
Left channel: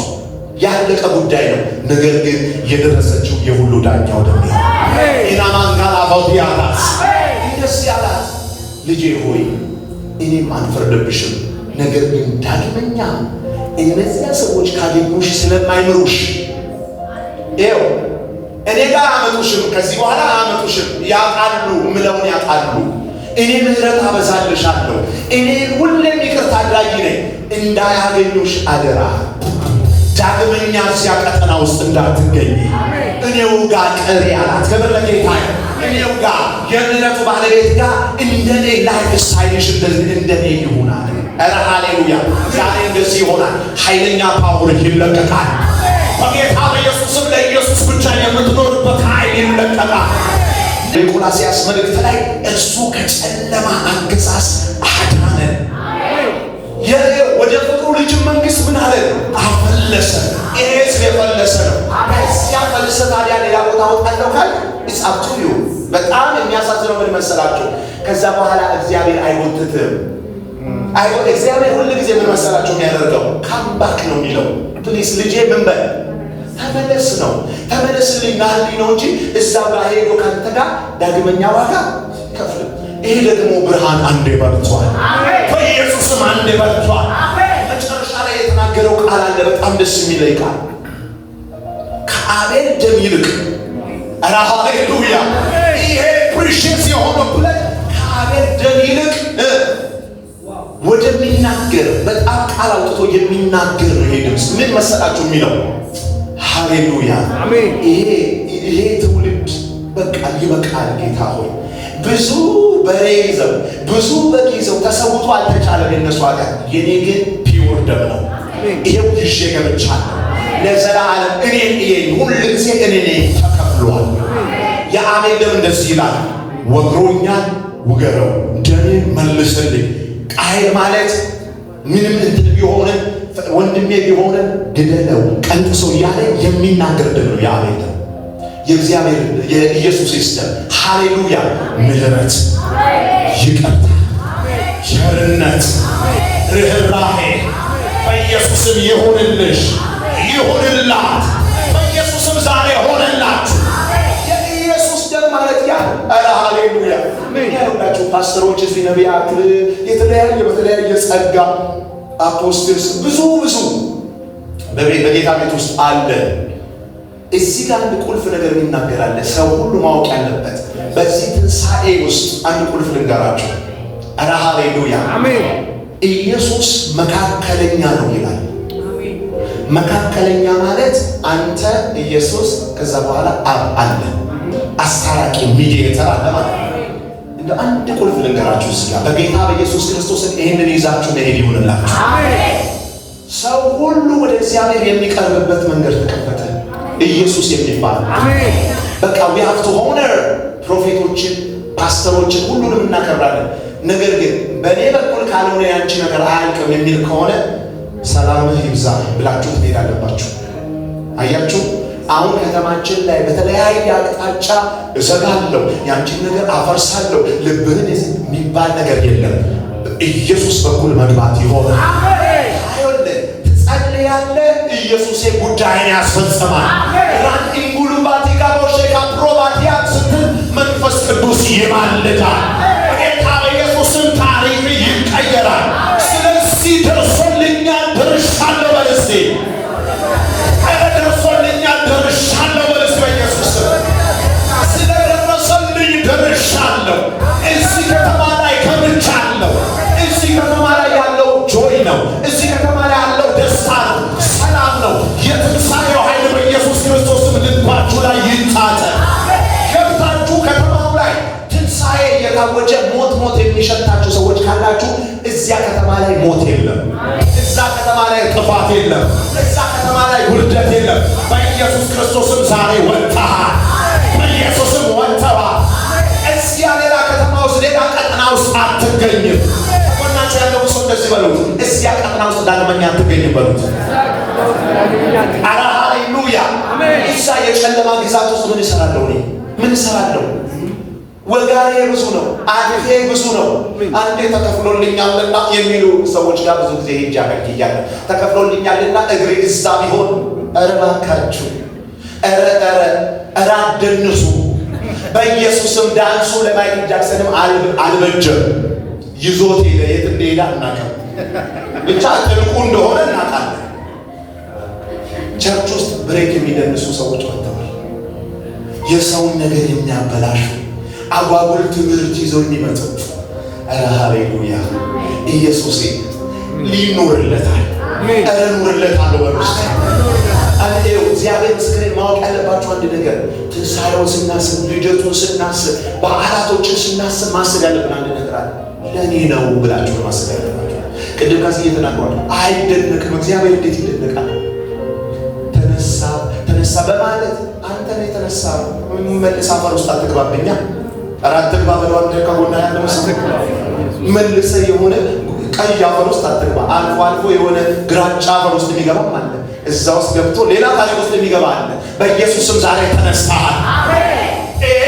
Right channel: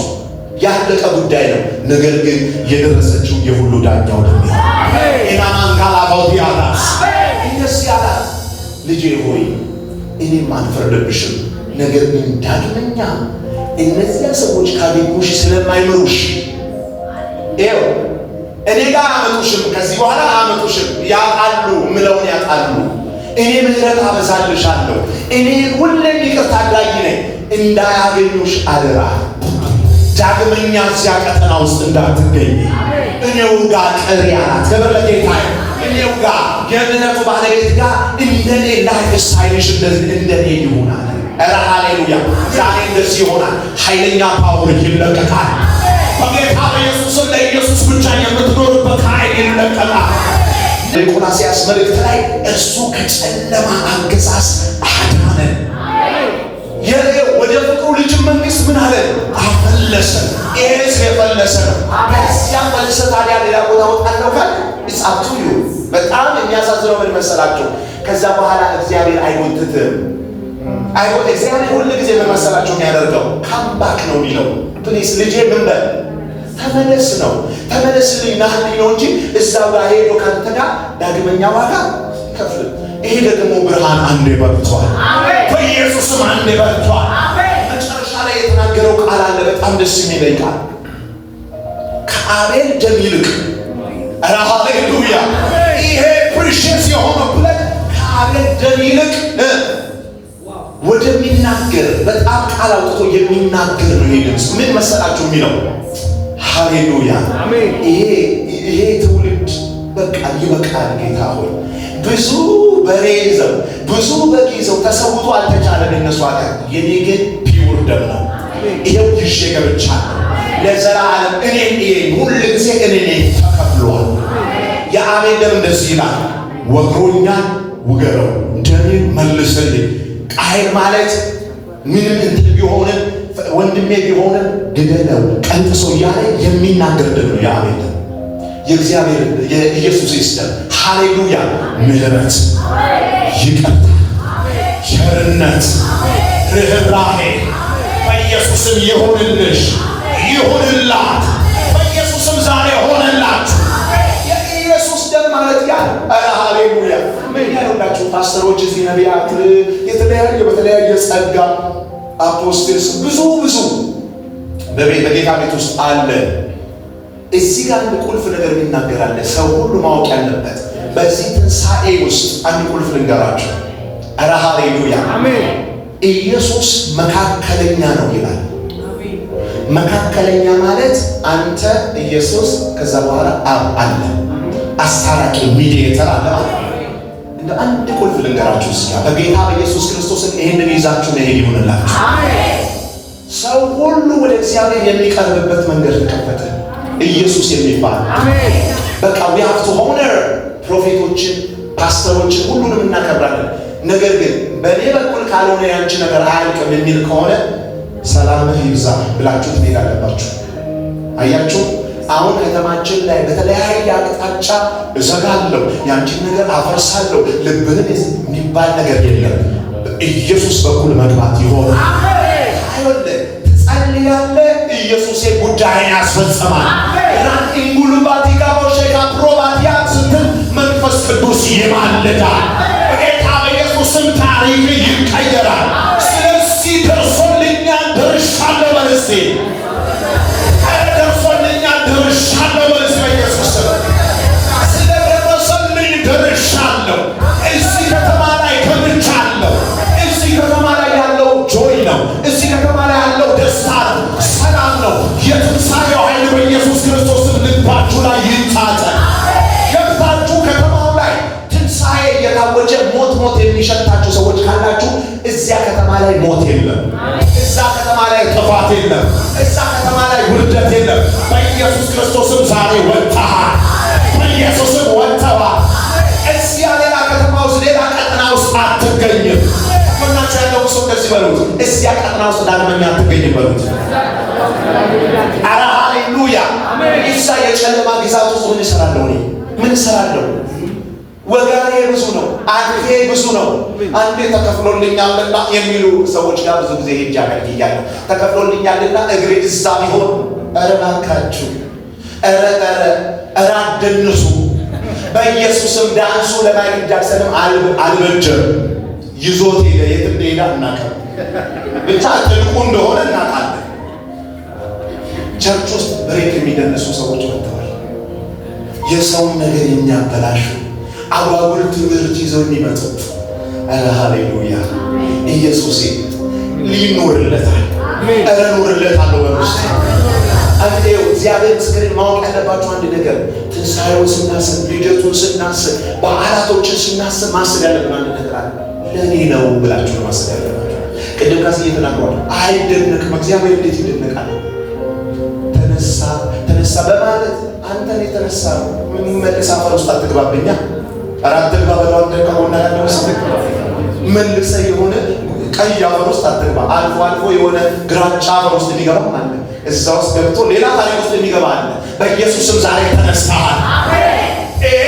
ያለቀ ጉዳይ ነው። ነገር ግን የደረሰችው የሁሉ ዳኛው ደሚያ ኢናማንጋላ ባውዲያታስ እንደዚህ አላት፣ ልጄ ሆይ እኔም አንፈርድብሽም። ነገር ግን ዳግመኛ እነዚያ ሰዎች ካገኙሽ ስለማይምሩሽ ይኸው እኔ ጋር አመጡሽም፣ ከዚህ በኋላ አመጡሽም። ያውቃሉ፣ ምለውን ያውቃሉ። እኔ ምህረት አበዛልሻለሁ። እኔ ሁሌም ይቅርታ አድራጊ ነኝ። እንዳያገኙሽ አደራ። ዳግመኛ እዚያ ቀጠና ውስጥ እንዳትገኝ እኔው ጋር ቀሪ አላት። ክብር ለጌታ። እኔው ጋር የእምነቱ ባለቤት ጋር እንደኔ ላይፍ ስታይልሽ እንደኔ ይሆናል። ኧረ ሃሌሉያ። ዛሬ እንደዚህ ይሆናል። ኃይለኛ ፓወር ይለቀቃል። በጌታ በኢየሱስም ለኢየሱስ ብቻ የምትኖርበት ኃይል ይለቀቃል። በቆላስይስ መልእክት ላይ እርሱ ከጨለማ አገዛዝ አዳነን፣ ወደ ፍቅሩ ልጅ መንግሥት ምን አለ አፈለሰ። ይሄ የፈለሰ ነው። በዚያ መልሰ ታዲያ ሌላ ቦታ ወጣለው ካል ኢትስ አፕ ቱ ዩ። በጣም የሚያሳዝነው ምን መሰላችሁ? ከዛ በኋላ እግዚአብሔር አይወትትም። እግዚአብሔር ሁሉ ጊዜ ምን መሰላችሁ የሚያደርገው? ካምባክ ነው የሚለው። ፕሊስ ልጄ ምን በል ተመለስ ነው። ተመለስልኝ ናህልኝ ነው እንጂ እዛው ጋር ሄዶ ካንተ ጋር ዳግመኛ ዋጋ ይከፍል። ይሄ ደግሞ ብርሃን አንዴ በርቷል፣ በኢየሱስም አንዴ በርቷል። መጨረሻ ላይ የተናገረው ቃል አለ፣ በጣም ደስ የሚለኝ ቃል። ከአቤል ደም ይልቅ ኧረ ሃሌሉያ። ይሄ ፕሪሺየስ የሆነው ብለህ ከአቤል ደም ይልቅ ወደሚናገር በጣም ቃል አውጥቶ የሚናገር ነው። ይሄ ድምፅ ምን መሰላችሁ የሚለው? ሃሌሉያ። ይሄ ትውልድ በቃ ይበቃል። ጌታ ሆይ ብዙ በሬ ይዘው ብዙ በግ ይዘው ተሰውቶ አልተቻለም የነሱ ኃጢአት። የኔ ግን ፒውር ደም ነው። ይሄው ይዤ ገብቻለሁ ለዘላለም። እኔን ሁል ጊዜ እኔ ተከፍሏል። የአቤል ደም እንደዚህ ይላል፣ ወግሮኛል ውገረው፣ ደሜ መልስልኝ። ቃየል ማለት ምንም እንትን ቢሆንም ወንድሜ ቢሆንም ግደለው ቀንጥሶ እያለ የሚናገር ደም ነው የአቤል ደም። የእግዚአብሔር የኢየሱስ ይስደም። ሃሌሉያ። ምህረት፣ ይቅርታ፣ ቸርነት፣ ርኅራኄ በኢየሱስም ይሁንልሽ፣ ይሁንላት። በኢየሱስም ዛሬ ሆነላት። የኢየሱስ ደም ማለት ያ ሃሌሉያ። ምን ያሉላችሁ ፓስተሮች፣ እዚህ ነቢያት፣ የተለያየ በተለያየ ጸጋ አፖስትልስ ብዙ በጌታ ቤት ውስጥ አለ። እዚህ ጋር አንድ ቁልፍ ነገር ይናገራል፣ ሰው ሁሉ ማወቅ ያለበት በዚህ ትንሣኤ ውስጥ አንድ ቁልፍ ልንገራችሁ። ኧረ ሃሌሉያ። ኢየሱስ መካከለኛ ነው ይላል። መካከለኛ ማለት አንተ ኢየሱስ፣ ከዛ በኋላ አብ አለ፣ አስታራቂ ሚዲየተር አለ ማለት ነው። እንደ አንድ ቁልፍ ልንገራችሁ እዚህ ጋር በጌታ በኢየሱስ ክርስቶስን ይህንን ይዛችሁ መሄድ ይሁንላችሁ። ሰው ሁሉ ወደ እግዚአብሔር የሚቀርብበት መንገድ ተከፈተ። ኢየሱስ የሚባል በቃ we have to honor ፕሮፌቶችን፣ ፓስተሮችን ሁሉንም እናከብራለን። ነገር ግን በእኔ በኩል ካልሆነ ያንቺ ነገር አያልቅም የሚል ከሆነ ሰላምህ ይብዛ ብላችሁ ትሄድ አለባችሁ። አያችሁ፣ አሁን ከተማችን ላይ በተለያየ አቅጣጫ እዘጋለሁ፣ ያንቺን ነገር አፈርሳለሁ፣ ልብህን የሚባል ነገር የለም። ኢየሱስ በኩል መግባት ይሆናል። ትጸልያለህ፣ ኢየሱስ ጉዳይን ያስፈጽማል። ራንኢንጉሉባቲ ጋቦሼካ ፕሮባቲያ ስትል መንፈስ ቅዱስ ይማልዳል። በጌታ በኢየሱስም ታሪክ ይቀየራል። ስለዚህ ደርሶልኛል ደርሻለሁ በልሴ እዚህ ከተማ ላይ ከምቻለሁ። እዚህ ከተማ ላይ ያለው ጆይ ነው። እዚህ ከተማ ላይ ያለው ደስታ ነው፣ ሰላም ነው። የትንሣኤው ኃይል በኢየሱስ ክርስቶስ ልባችሁ ላይ ይንጣጣል። ገብታችሁ ከተማው ላይ ትንሣኤ እየታወጀ ሞት የሚሸታችሁ ሰዎች ካላችሁ እዚያ ከተማ ላይ ሞት የለም። እዛ ከተማ ላይ ጥፋት የለም። እዛ ከተማ ላይ ውርደት የለም። በኢየሱስ ክርስቶስም ዛሬ ወጥተሃል። በኢየሱስም ወጥተሃል። እዚያ ሌላ ከተማ ውስጥ ሌላ ቀጠና ውስጥ አትገኝም። ወናቸው ያለው ሰው እንደዚህ በሉት፣ እዚያ ቀጠና ውስጥ ዳግመኛ አትገኝም በሉት። ኧረ ሃሌሉያ። እዛ የጨለማ ግዛት ውስጥ ምን እሰራለሁ? ምን እሰራለሁ? ወጋኔ ብዙ ነው፣ አጥፌ ብዙ ነው። አንዴ ተከፍሎልኛልና የሚሉ ሰዎች ጋር ብዙ ጊዜ ሄጄ አገልግያለሁ። ተከፍሎልኛልና እግሬ እዛ ቢሆን፣ ኧረ እባካችሁ፣ ኧረ አትደንሱ። በኢየሱስም ዳንሱ ለማይክል ጃክሰንም አልበጀም። ይዞት ሄደ። የት እንደሄደ እናውቃለን፣ ብቻ ጥልቁ እንደሆነ እናውቃለን። ቸርች ውስጥ ብሬክ የሚደንሱ ሰዎች ወጥተዋል። የሰውን ነገር የሚያበላሹ አጓጉል ትምህርት ይዘው የሚመጡ። ኧረ ሃሌሉያ። ኢየሱስ ሊኖርለታል። ኧረ ኖርለታለሁ በምስት አንዴው እግዚአብሔር ምስክሬን ማወቅ ያለባችሁ አንድ ነገር፣ ትንሣኤውን ስናስብ፣ ልደቱን ስናስብ፣ በዓላቶችን ስናስብ ማሰብ ያለብን አንድ ነገር አለ። ለእኔ ነው ብላችሁ ነው ማሰብ ያለባችሁ። ቅድም ካስ እየተናገሯል። አይደነቅም። እግዚአብሔር እንዴት ይደነቃል? ተነሳ በማለት አንተን የተነሳ ምን መልስ አፈር ውስጥ አትግባብኛ። አራት ትግባ በለው አንተ ከሆነ ያለው ምስክር መልሰ የሆነ ቀይ አፈር ውስጥ አትግባ። አልፎ የሆነ ግራጫ አፈር ውስጥ የሚገባ አለ። እዛ ውስጥ ገብቶ ሌላ ታሪክ ውስጥ የሚገባ አለ። በኢየሱስም ዛሬ ተነስተሃል።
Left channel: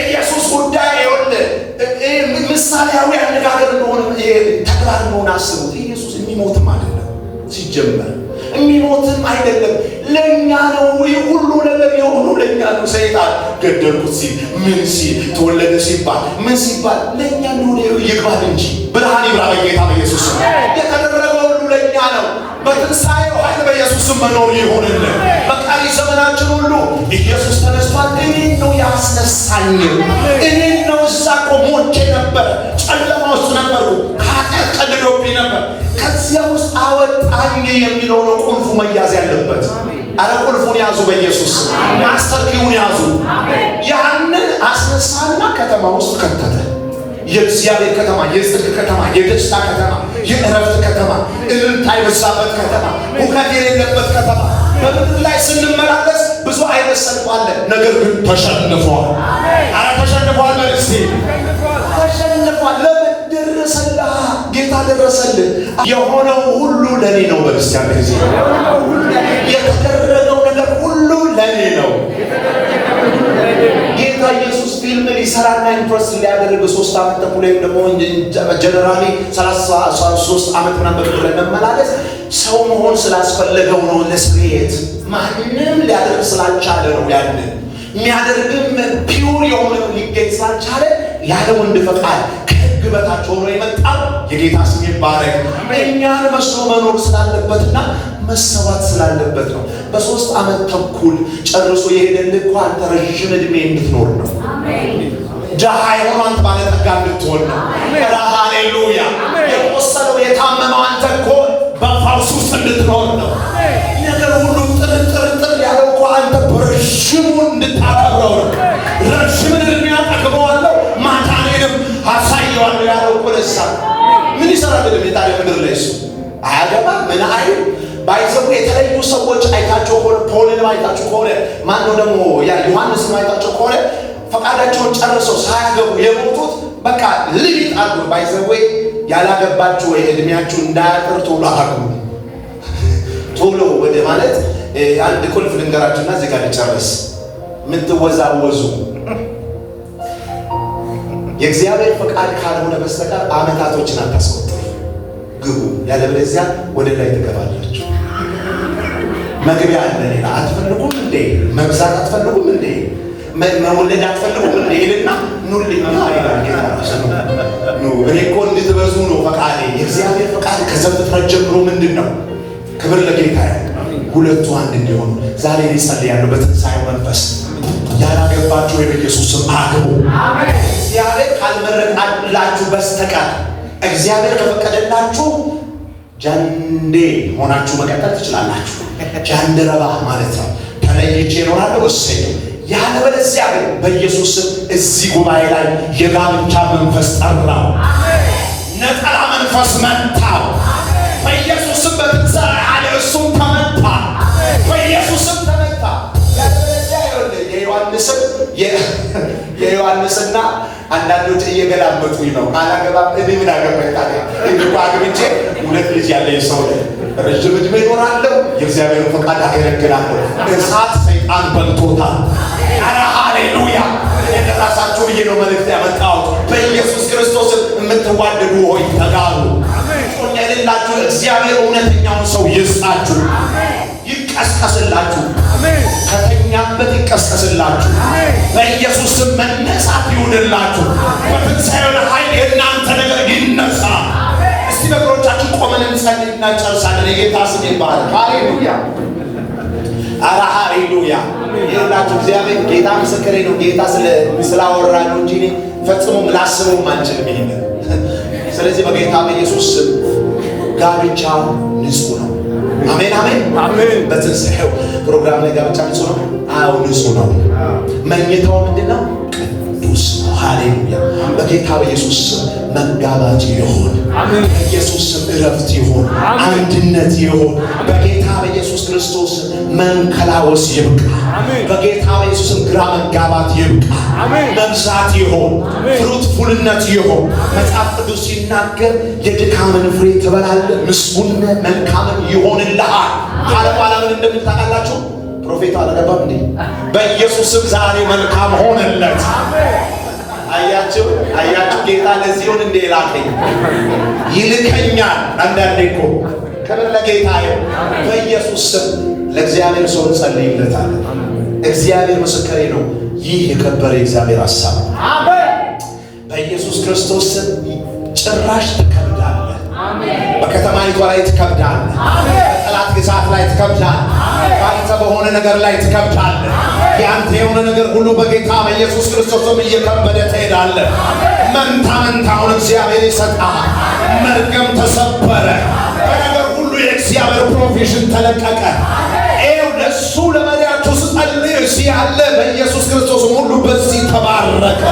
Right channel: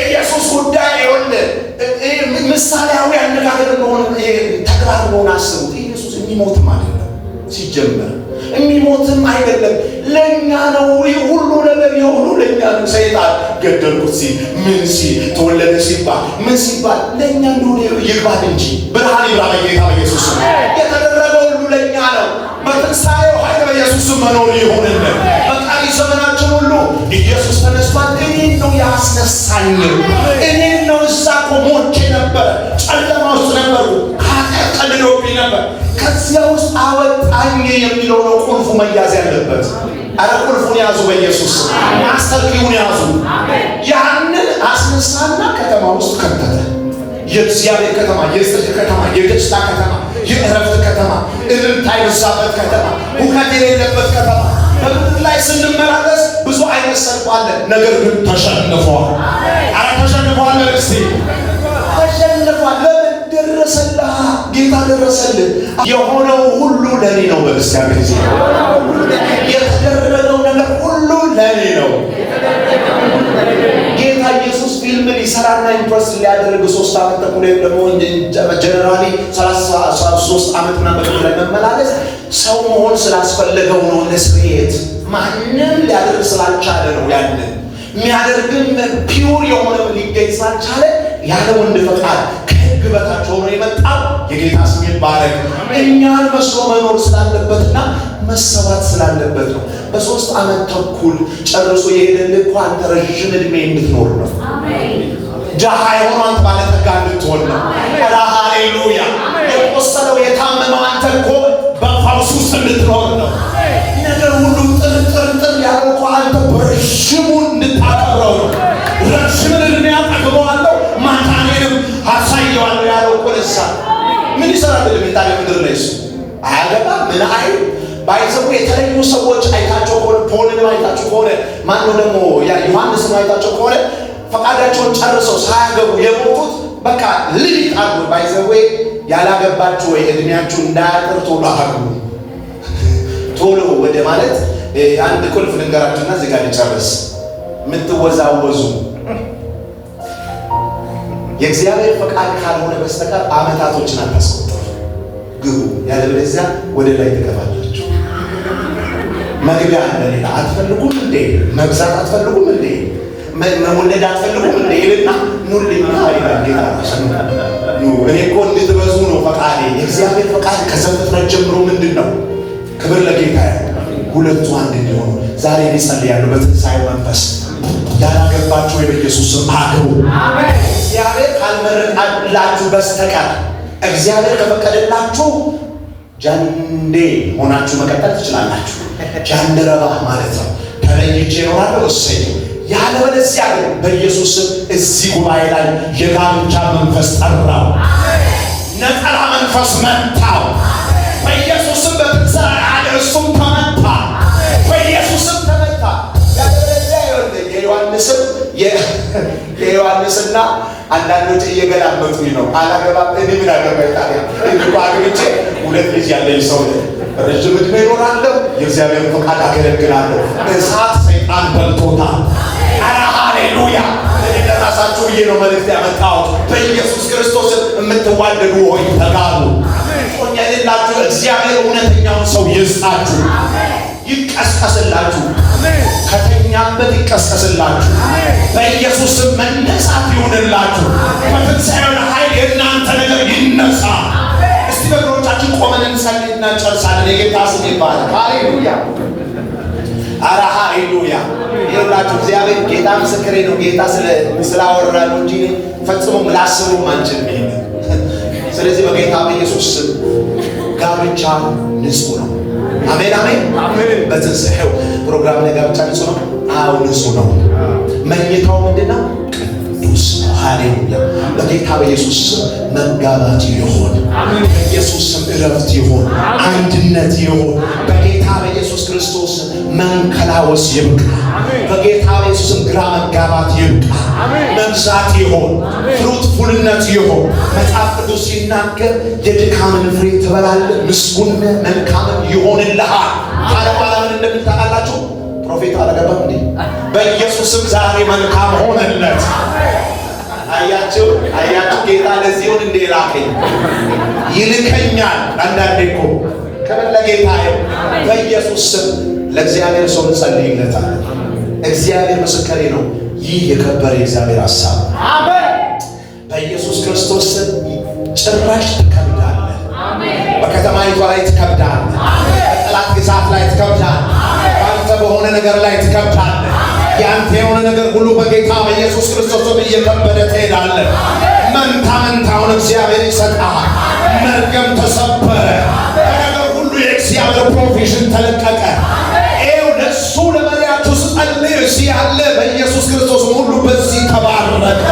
ኢየሱስ ጉዳይ ይሁን ምሳሌያዊ አነጋገር እንደሆነ ተግባር መሆን አስቡት። ኢየሱስ የሚሞትም አይደለም ሲጀመር የሚሞትም አይደለም። ለኛ ነው ሁሉ ነገር የሆኑ ለኛ ነው። ሰይጣን ገደልኩት ሲል ምን ሲል ተወለደ ሲባል ምን ሲባል ለኛ እንደሆነ ይግባል እንጂ ብርሃን ይብራ በጌታ በኢየሱስ ስም። የተደረገው ሁሉ ለኛ ነው። በትንሣኤው ኃይል በኢየሱስ ስም መኖር ይሁንልን። በቀሪ ዘመናችን ሁሉ ኢየሱስ ተነስቷል። እኔን ነው ያስነሳኝ። እኔን ነው እዛ እኮ ሞቼ ነበር፣ ጨለማ ውስጥ ነበርኩ፣ ኃጢአት ቀልዶብኝ ነበር፣ ከዚያ ውስጥ አወጣኝ የሚለው ነው ቁልፉ መያዝ ያለበት። አረ ቁልፉን ያዙ በኢየሱስ ማስተር ኪውን ያዙ። ያንን አስነሳና ከተማ ውስጥ ከተተ። የእግዚአብሔር ከተማ፣ የጽድቅ ከተማ፣ የደስታ ከተማ፣ የእረፍት ከተማ፣ እልልታ የበዛበት ከተማ፣ ሁከት የሌለበት ከተማ። በምድር ላይ ስንመላለስ ብዙ አይነት ሰልፍ አለ። ነገር ግን ተሸንፏል። አረ ተሸንፏል። መልስቲ ተሸንፏል። ደረሰልህ፣ ጌታ ደረሰልህ። የሆነው ሁሉ ለኔ ነው። በክርስቲያን ጊዜ የተደረገው ነገር ሁሉ ለኔ ነው። ጌታ ኢየሱስ ፊልም ሊሰራና ኢምፕረስ ሊያደርግ 3 ዓመት ተኩል ወይም ደግሞ ጀነራሊ 33 ዓመት ምናምን በቅጥር ላይ መመላለስ ሰው መሆን ስላስፈለገው ነው። ለስሜት ማንም ሊያደርግ ስላልቻለ ነው። ያንን የሚያደርግም ፒውር የሆነ ሊገኝ ስላልቻለ ያለ ወንድ ፈቃድ ከሕግ በታች ሆኖ የመጣው የጌታ ስም ይባረክ። እኛን መስሎ መኖር ስላለበትና መሰባት ስላለበት ነው። በ3 ዓመት ተኩል ጨርሶ የሄደልህ እኮ አንተ ረዥም ዕድሜ እንድትኖር ነው። ድሃ የሆነው አንተ ባለጠጋ እንድትሆን ነው። ሃሌሉያ። የቆሰለው የታመመው አንተ እኮ በፈውስ ውስጥ እንድትኖር ነው። ነገር ሁሉ ጥርጥር ያለው እኮ አንተ በረዥሙ እንድታከብረው ነው። ረዥምን ዕድሜ አጠግበዋለሁ ማታኔንም አሳየዋለሁ ያለው እኮ ለሳ ምን ይሰራል? ታዲያ ምድር ላይ እሱ አያገባም። ምን አይል ባይዘው የተለዩ ሰዎች አይታቸው ከሆነ ፖልን አይታቸው ከሆነ ማነው ደግሞ ያ ዮሐንስን አይታቸው ከሆነ ፈቃዳቸውን ጨርሰው ሳያገቡ የሞቱት በቃ ልጅ አሉ። ባይዘው ያላገባችሁ ወይ እድሜያችሁ እንዳያጥር ቶሎ አግቡ። ቶሎ ወደ ማለት አንድ ቁልፍ ልንገራችሁና እዚህ ጋር ልጨርስ። የምትወዛወዙ የእግዚአብሔር ፈቃድ ካልሆነ በስተቀር ዓመታቶችን አታስቆጥሩ። ግቡ፣ ያለበለዚያ ወደ ላይ ትገባላችሁ። መግቢያ አለ። ሌላ አትፈልጉም እንዴ? መብዛት አትፈልጉም እንዴ? መወለድ አትፈልጉም እንዴ? ይልና ኑልኝ ይላል ጌታ። እኔ እኮ እንድትበዙ ነው ፈቃዴ። የእግዚአብሔር ፈቃድ ከዘፍጥረት ጀምሮ ምንድን ነው? ክብር ለጌታ። ሁለቱ አንድ እንዲሆኑ ዛሬ ሊጸልያለሁ በትንሣኤው መንፈስ። ያላገባችሁ በኢየሱስ ስም አግቡ። እግዚአብሔር ካልመረቃላችሁ በስተቀር እግዚአብሔር ከፈቀደላችሁ ጃንዴ ሆናችሁ መቀጠል ትችላላችሁ። ጃንደረባ ማለት ነው። ተለይቼ እኖራለሁ እሰይ። ያለበለዚያ ግን በኢየሱስ ስም እዚህ ጉባኤ ላይ የጋብቻ መንፈስ ጠራው። ነጠላ መንፈስ መታው በኢየሱስም በትንሣኤ አለ እሱም ተመታ በኢየሱስም ተመታ። የዮሐንስና አንዳንዶች እየገላመጡኝ ነው። አላገባም እኔ ምን አገባኝ ታዲያ? እንኳ አግብቼ 2 ልጅ ያለኝ ሰው ነኝ። ረጅም ዕድሜ እኖራለሁ፣ የእግዚአብሔር ፈቃድ አገለግላለሁ። እሳት ሰይጣን በልቶታል። ኧረ ሃሌሉያ! ለራሳችሁ ብዬ ነው መልእክት ያመጣሁት። በኢየሱስ ክርስቶስ የምትዋደዱ ሆይ ተጋቡ። ጾም የሌላችሁ እግዚአብሔር እውነተኛውን ሰው ይስጣችሁ፣ ይቀስቀስላችሁ፣ ከተኛበት ይቀስቀስላችሁ። በኢየሱስ ስም መነሳት ይሁንላችሁ። በትንሣኤው ኃይል የእናንተ ነገር ይነሳ። እስቲ በእግሮቻችን ቆመን እንጸልይና ጨርሳለን። የጌታ ስም ይባረክ። ሃሌሉያ! ኧረ ሃሌሉያ! ይሁንላችሁ። እግዚአብሔር ጌታ ምስክሬ ነው። ጌታ ስላወራ ነው እንጂ ፈጽሞ ላስበውም አንችልም ይሄንን። ስለዚህ በጌታ በኢየሱስ ስም ጋብቻ ንጹህ ነው። አሜን አሜን አሜን። በትንሣኤው ፕሮግራም ላይ ጋብቻ ንጹህ ነው። አዎ ንጹህ ነው። መኝታው ምንድነው? ቅዱስ ነው። ሃሌሉያ! በጌታ በኢየሱስ ስም መጋባት ይሁን። በኢየሱስ ስም እረፍት ይሁን፣ አንድነት ይሁን። በጌታ በኢየሱስ ክርስቶስ መንከላወስ ይብቃ። በጌታ በኢየሱስ ስም ግራ መጋባት ይብቃ። መብዛት ይሁን፣ ፍሩትፉልነት ይሁን። መጽሐፍ ቅዱስ ሲናገር የድካምን ፍሬ ትበላለህ፣ ምስጉን መልካምም ይሆንልሃል ካለ በኋላ ምን እንደምታውቃላችሁ? ፕሮፌት አላገባም እንዴ? በኢየሱስ ስም ዛሬ መልካም ሆነለት። አያችሁ ጌታ ለዚህ ሆን እንደ ላከኝ ይልከኛል። አንዳንዴ እኮ ክብር ለጌታ ይሁን። በኢየሱስ ስም ለእግዚአብሔር ሰው እንጸልይለታለን። እግዚአብሔር ምስክሬ ነው። ይህ የከበረ እግዚአብሔር ሐሳብ በኢየሱስ ክርስቶስ ስም ጭራሽ ትከብዳለህ። በከተማይቷ ላይ ትከብዳለህ። በጠላት ግዛት ላይ ትከብዳለህ። ባንተ በሆነ ነገር ላይ ትከብዳለህ። ያንተ የሆነ ነገር ሁሉ በጌታ በኢየሱስ ክርስቶስም እየከበደ ትሄዳለህ። መንታ መንታውን እግዚአብሔር ይሰጣል። መርገም ተሰበረ። በነገር ሁሉ የእግዚአብሔር ፕሮቪዥን ተለቀቀ። ይኸው ለእሱ ለመሪያችሁ ስጸልይ እዚህ ያለ በኢየሱስ ክርስቶስ ሁሉ በዚህ ተባረከ።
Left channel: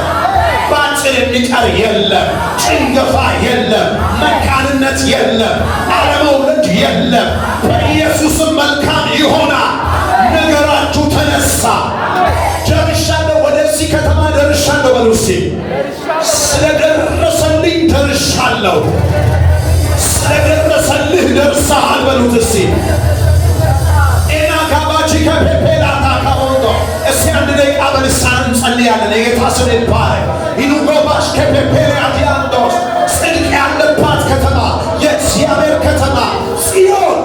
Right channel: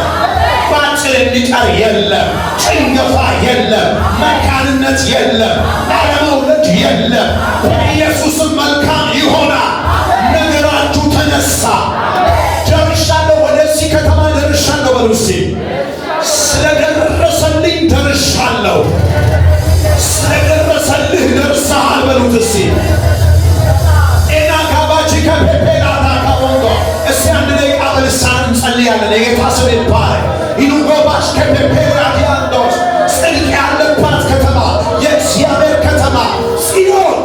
ባጭር የሚቀር የለም፣ ጭንገፋ የለም፣ መካንነት የለም፣ አለመውለድ የለም። በኢየሱስም መልካም ይሆናል። ነገራችሁ ተነሳ። ደርሻለሁ፣ ወደዚህ ከተማ ደርሻለሁ በሉ እስቲ። ስለደረሰልኝ ደርሻለሁ። ስለደረሰልህ ደርሰሃል በሉት እስቲ። እስቲ አንድ ደቂቃ በልሳን እንጸልያለን። የጌታ ስም ይባረክ። ኢኑጎባሽ ከፔፔራዲያንዶስ ጽድቅ ያለባት ከተማ፣ የእግዚአብሔር ከተማ ጽዮን፣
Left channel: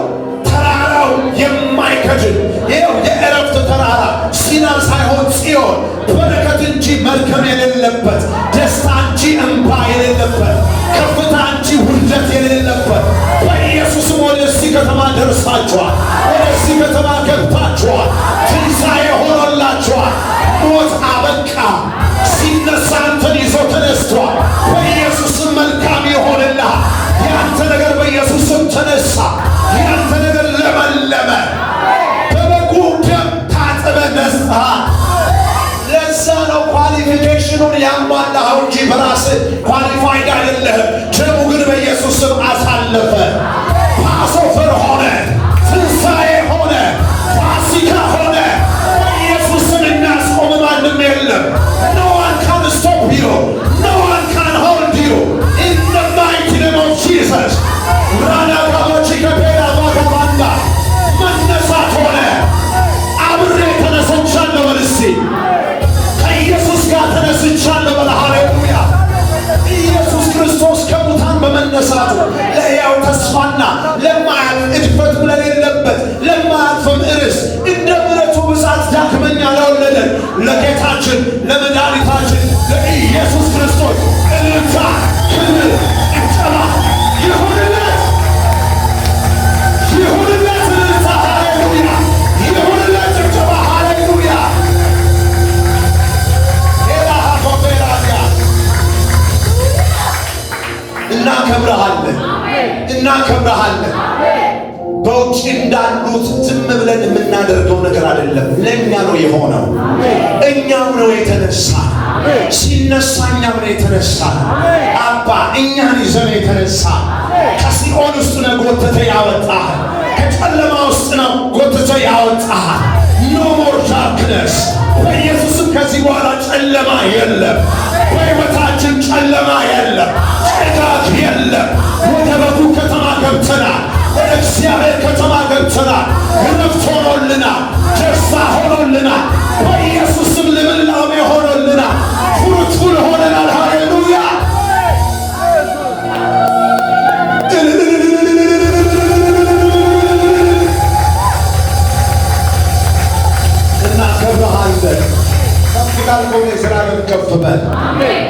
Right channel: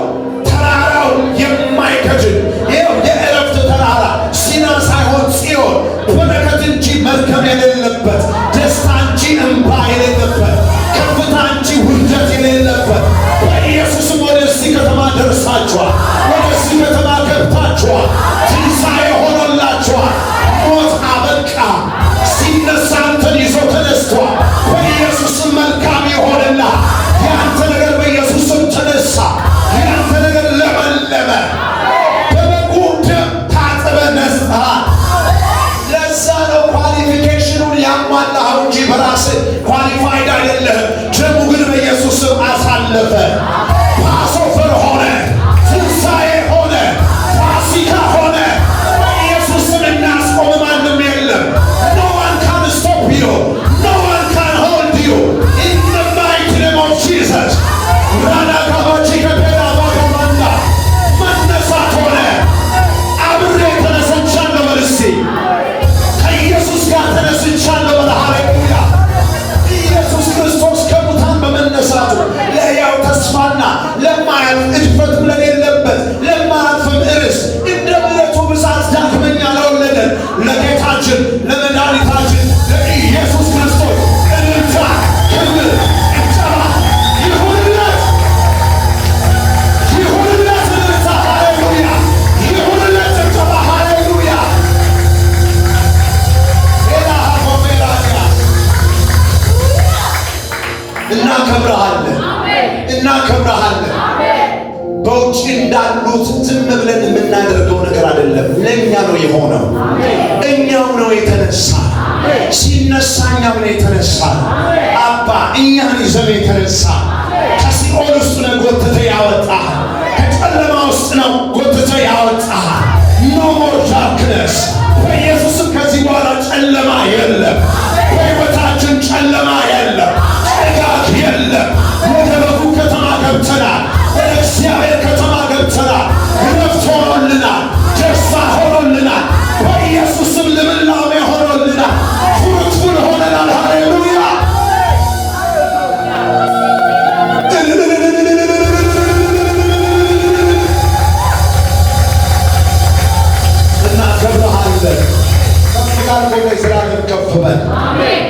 ተራራው የማይከድን ይኸው የዕረፍት ተራራ ሲና ሳይሆን ጽዮን፣ በረከት እንጂ መርገም የሌለበት፣ ደስታ እንጂ እንባ የሌለበት፣ ከፍታ እንጂ ውርደት የሌለበት በኢየሱስም ወደዚህ ከተማ ደርሳችኋል። ወደዚህ ከተማ ገብታችኋል። ትንሣኤ ሆኖላችኋል። ሞት አበቃ። ሲነሳ አንተን ይዞ ተነስቷል። በኢየሱስም መልካም ይሆንልሃል። ያንተ ነገር በኢየሱስም ተነሳ። ያንተ ነገር ለመለመ። በበጉ ደም ታጥበ ነጽሃል። ለዛ ነው ኳሊፊኬሽኑን ያሟላኸው እንጂ በራስህ ኳሊፋይድ አይደለህም። ደሙ ግን በኢየሱስም አሳለፈ። ፓስኦቨር ሆነ፣ ትንሣኤ ሆነ፣ ፋሲካ ሆነ። በኢየሱስም የሚያስቆም ማንም የለም። No one can stop you. No one can hold you. In the mighty name of Jesus. ራዳጋባቺ ከፔዳ ባጋባንዳ መነሳት ሆነ። አብሬ ተነስቻለሁ በል እስቲ። ከኢየሱስ ጋር ተነስቻለሁ በል። ሃሌሉያ! ኢየሱስ ክርስቶስ ከሙታን በመነሳቱ ለሕያው ተስፋና ለማያልፍ እድፈትም ለሌለበት ለማያልፍም ርስት እንደ ምሕረቱ ብዛት ዳግመኛ ለወለደን ለጌታችን ለመድኃኒታችን ለኢየሱስ ክርስቶስ እልልታ፣ ክብር፣ ጭብጨባ ይሁንለት። ይሁንለት እልልታ፣ ሃሌሉያ! ይሁንለት ጭብጨባ፣ ሃሌሉያ! እናከብረሃለን፣ እናከብረሃለን። በውጭ እንዳሉት ዝም ብለን የምናደርገው ነገር አይደለም። ለእኛ ነው የሆነው። እኛው ነው የተነሳ ሲነሳ እኛም ነው የተነሳ። አባ እኛን ይዘን የተነሳ ከሲኦል ውስጥ ነው ጎትተ ያወጣህ። ከጨለማ ውስጥ ነው ጎትተ ያወጣህ። ኖ ሞር ዳርክነስ። በኢየሱስም ከዚህ በኋላ ጨለማ የለም። በሕይወታችን ጨለማ የለም። ጭጋግ የለም። ወደ በጉ ከተማ ገብተናል። ወደ እግዚአብሔር ከተማ ገብተናል። እረፍት ሆኖልናል። ደስታ ሆኖልናል። በኢየሱስም ልምላሜ ሆኖልናል። ፍሩትፉል ሆነናል። ሃሌሉያ። እናከብርሃለን። ከፍታል ሆነ እግዚአብሔር ከፍ በል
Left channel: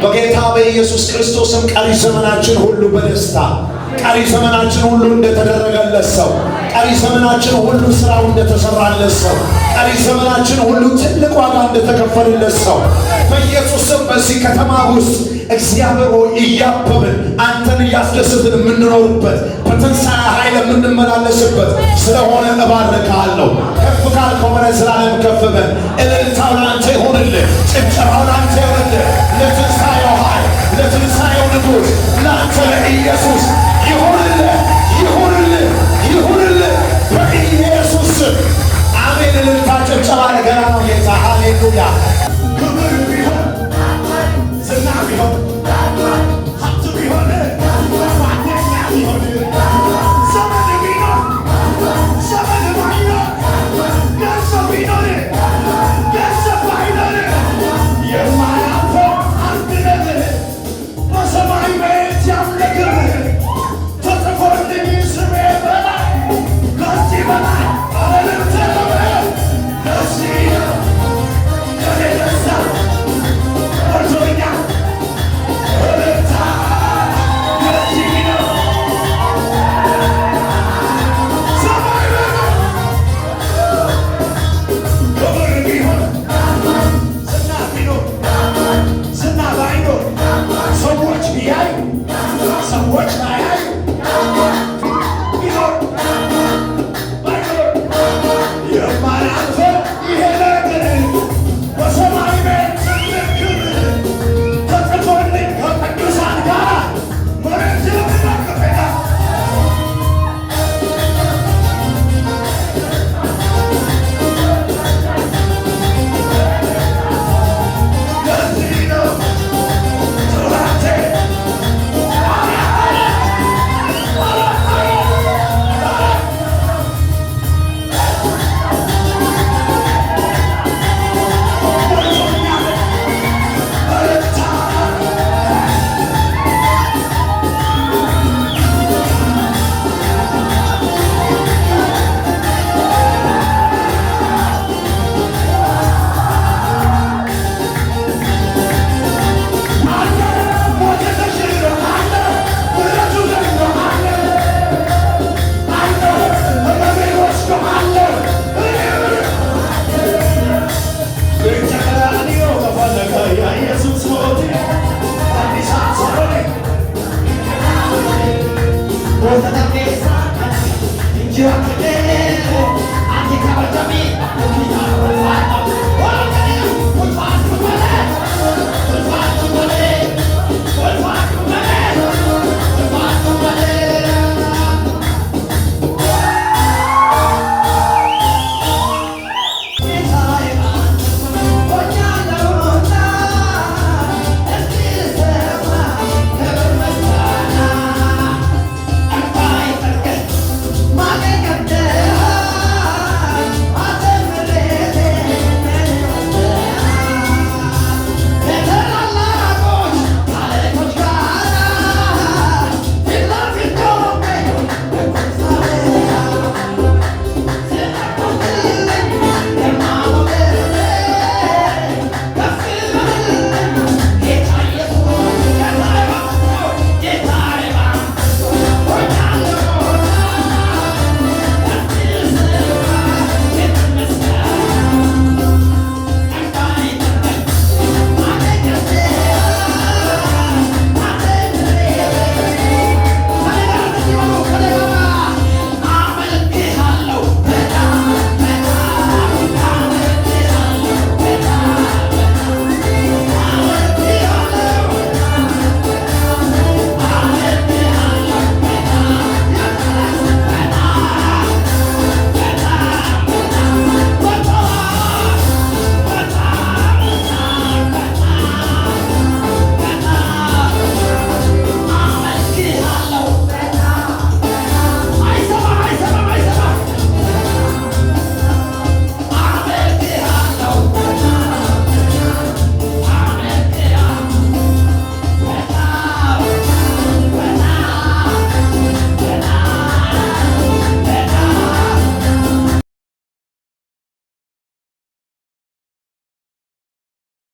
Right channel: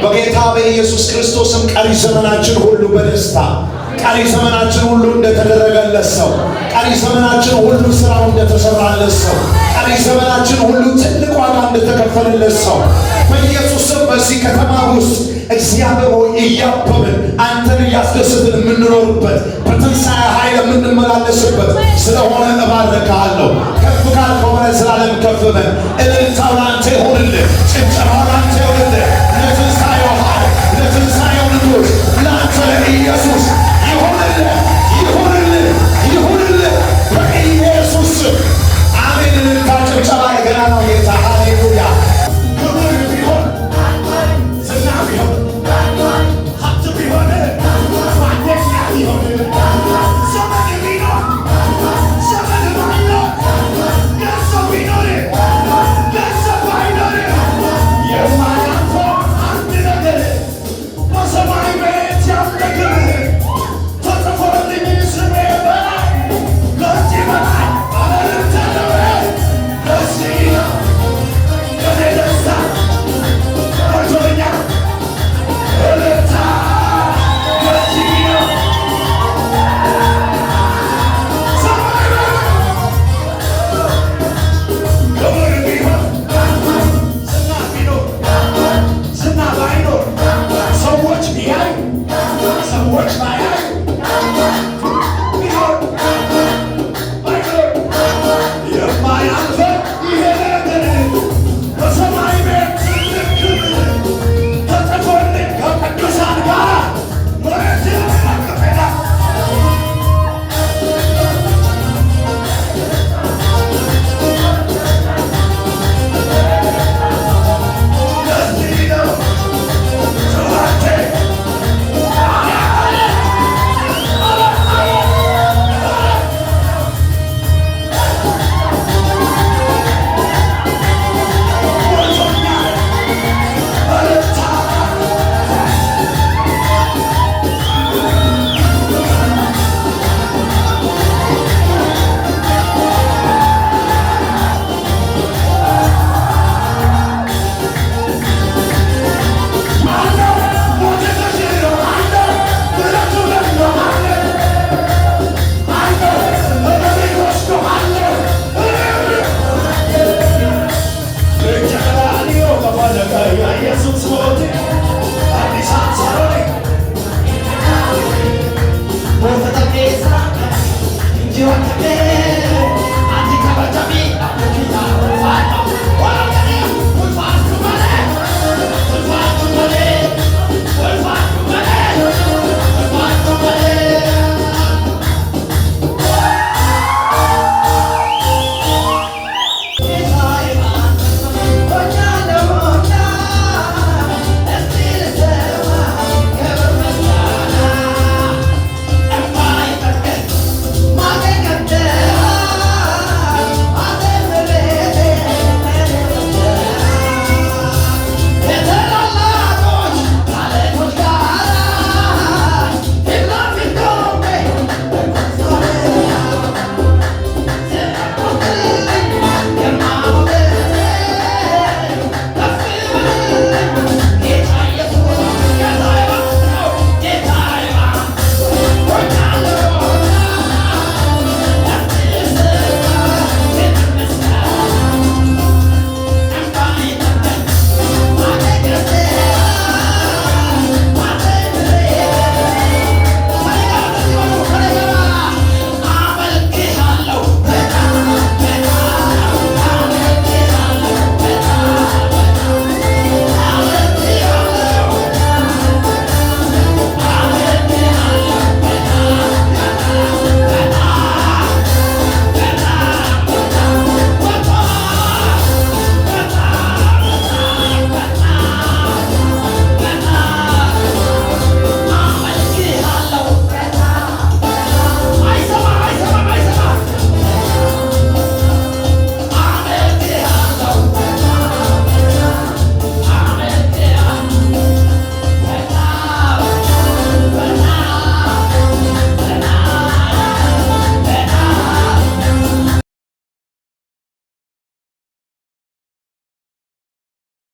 በጌታ በኢየሱስ ክርስቶስም። ቀሪ ዘመናችን ሁሉ በደስታ፣ ቀሪ ዘመናችን ሁሉ እንደተደረገለት ሰው፣ ቀሪ ዘመናችን ሁሉ ስራው እንደተሰራለት ሰው፣ ቀሪ ዘመናችን ሁሉ ትልቅ ዋጋ እንደተከፈለለት ሰው በኢየሱስም በዚህ ከተማ ውስጥ እግዚአብሔር ሆይ እያበብን አንተን እያስደስትን የምንኖርበት በትንሣኤ ኃይል የምንመላለስበት ስለሆነ እባርክሃለሁ። ከፍ ካልከው በላይ ስላለም ከፍ በል። እልልታው ለአንተ ይሁንልህ። ጭብጨባው ለአንተ ይሁንልህ። ለትንሣኤው ኃይል፣ ለትንሣኤው ንጉሥ፣ ለአንተ ለኢየሱስ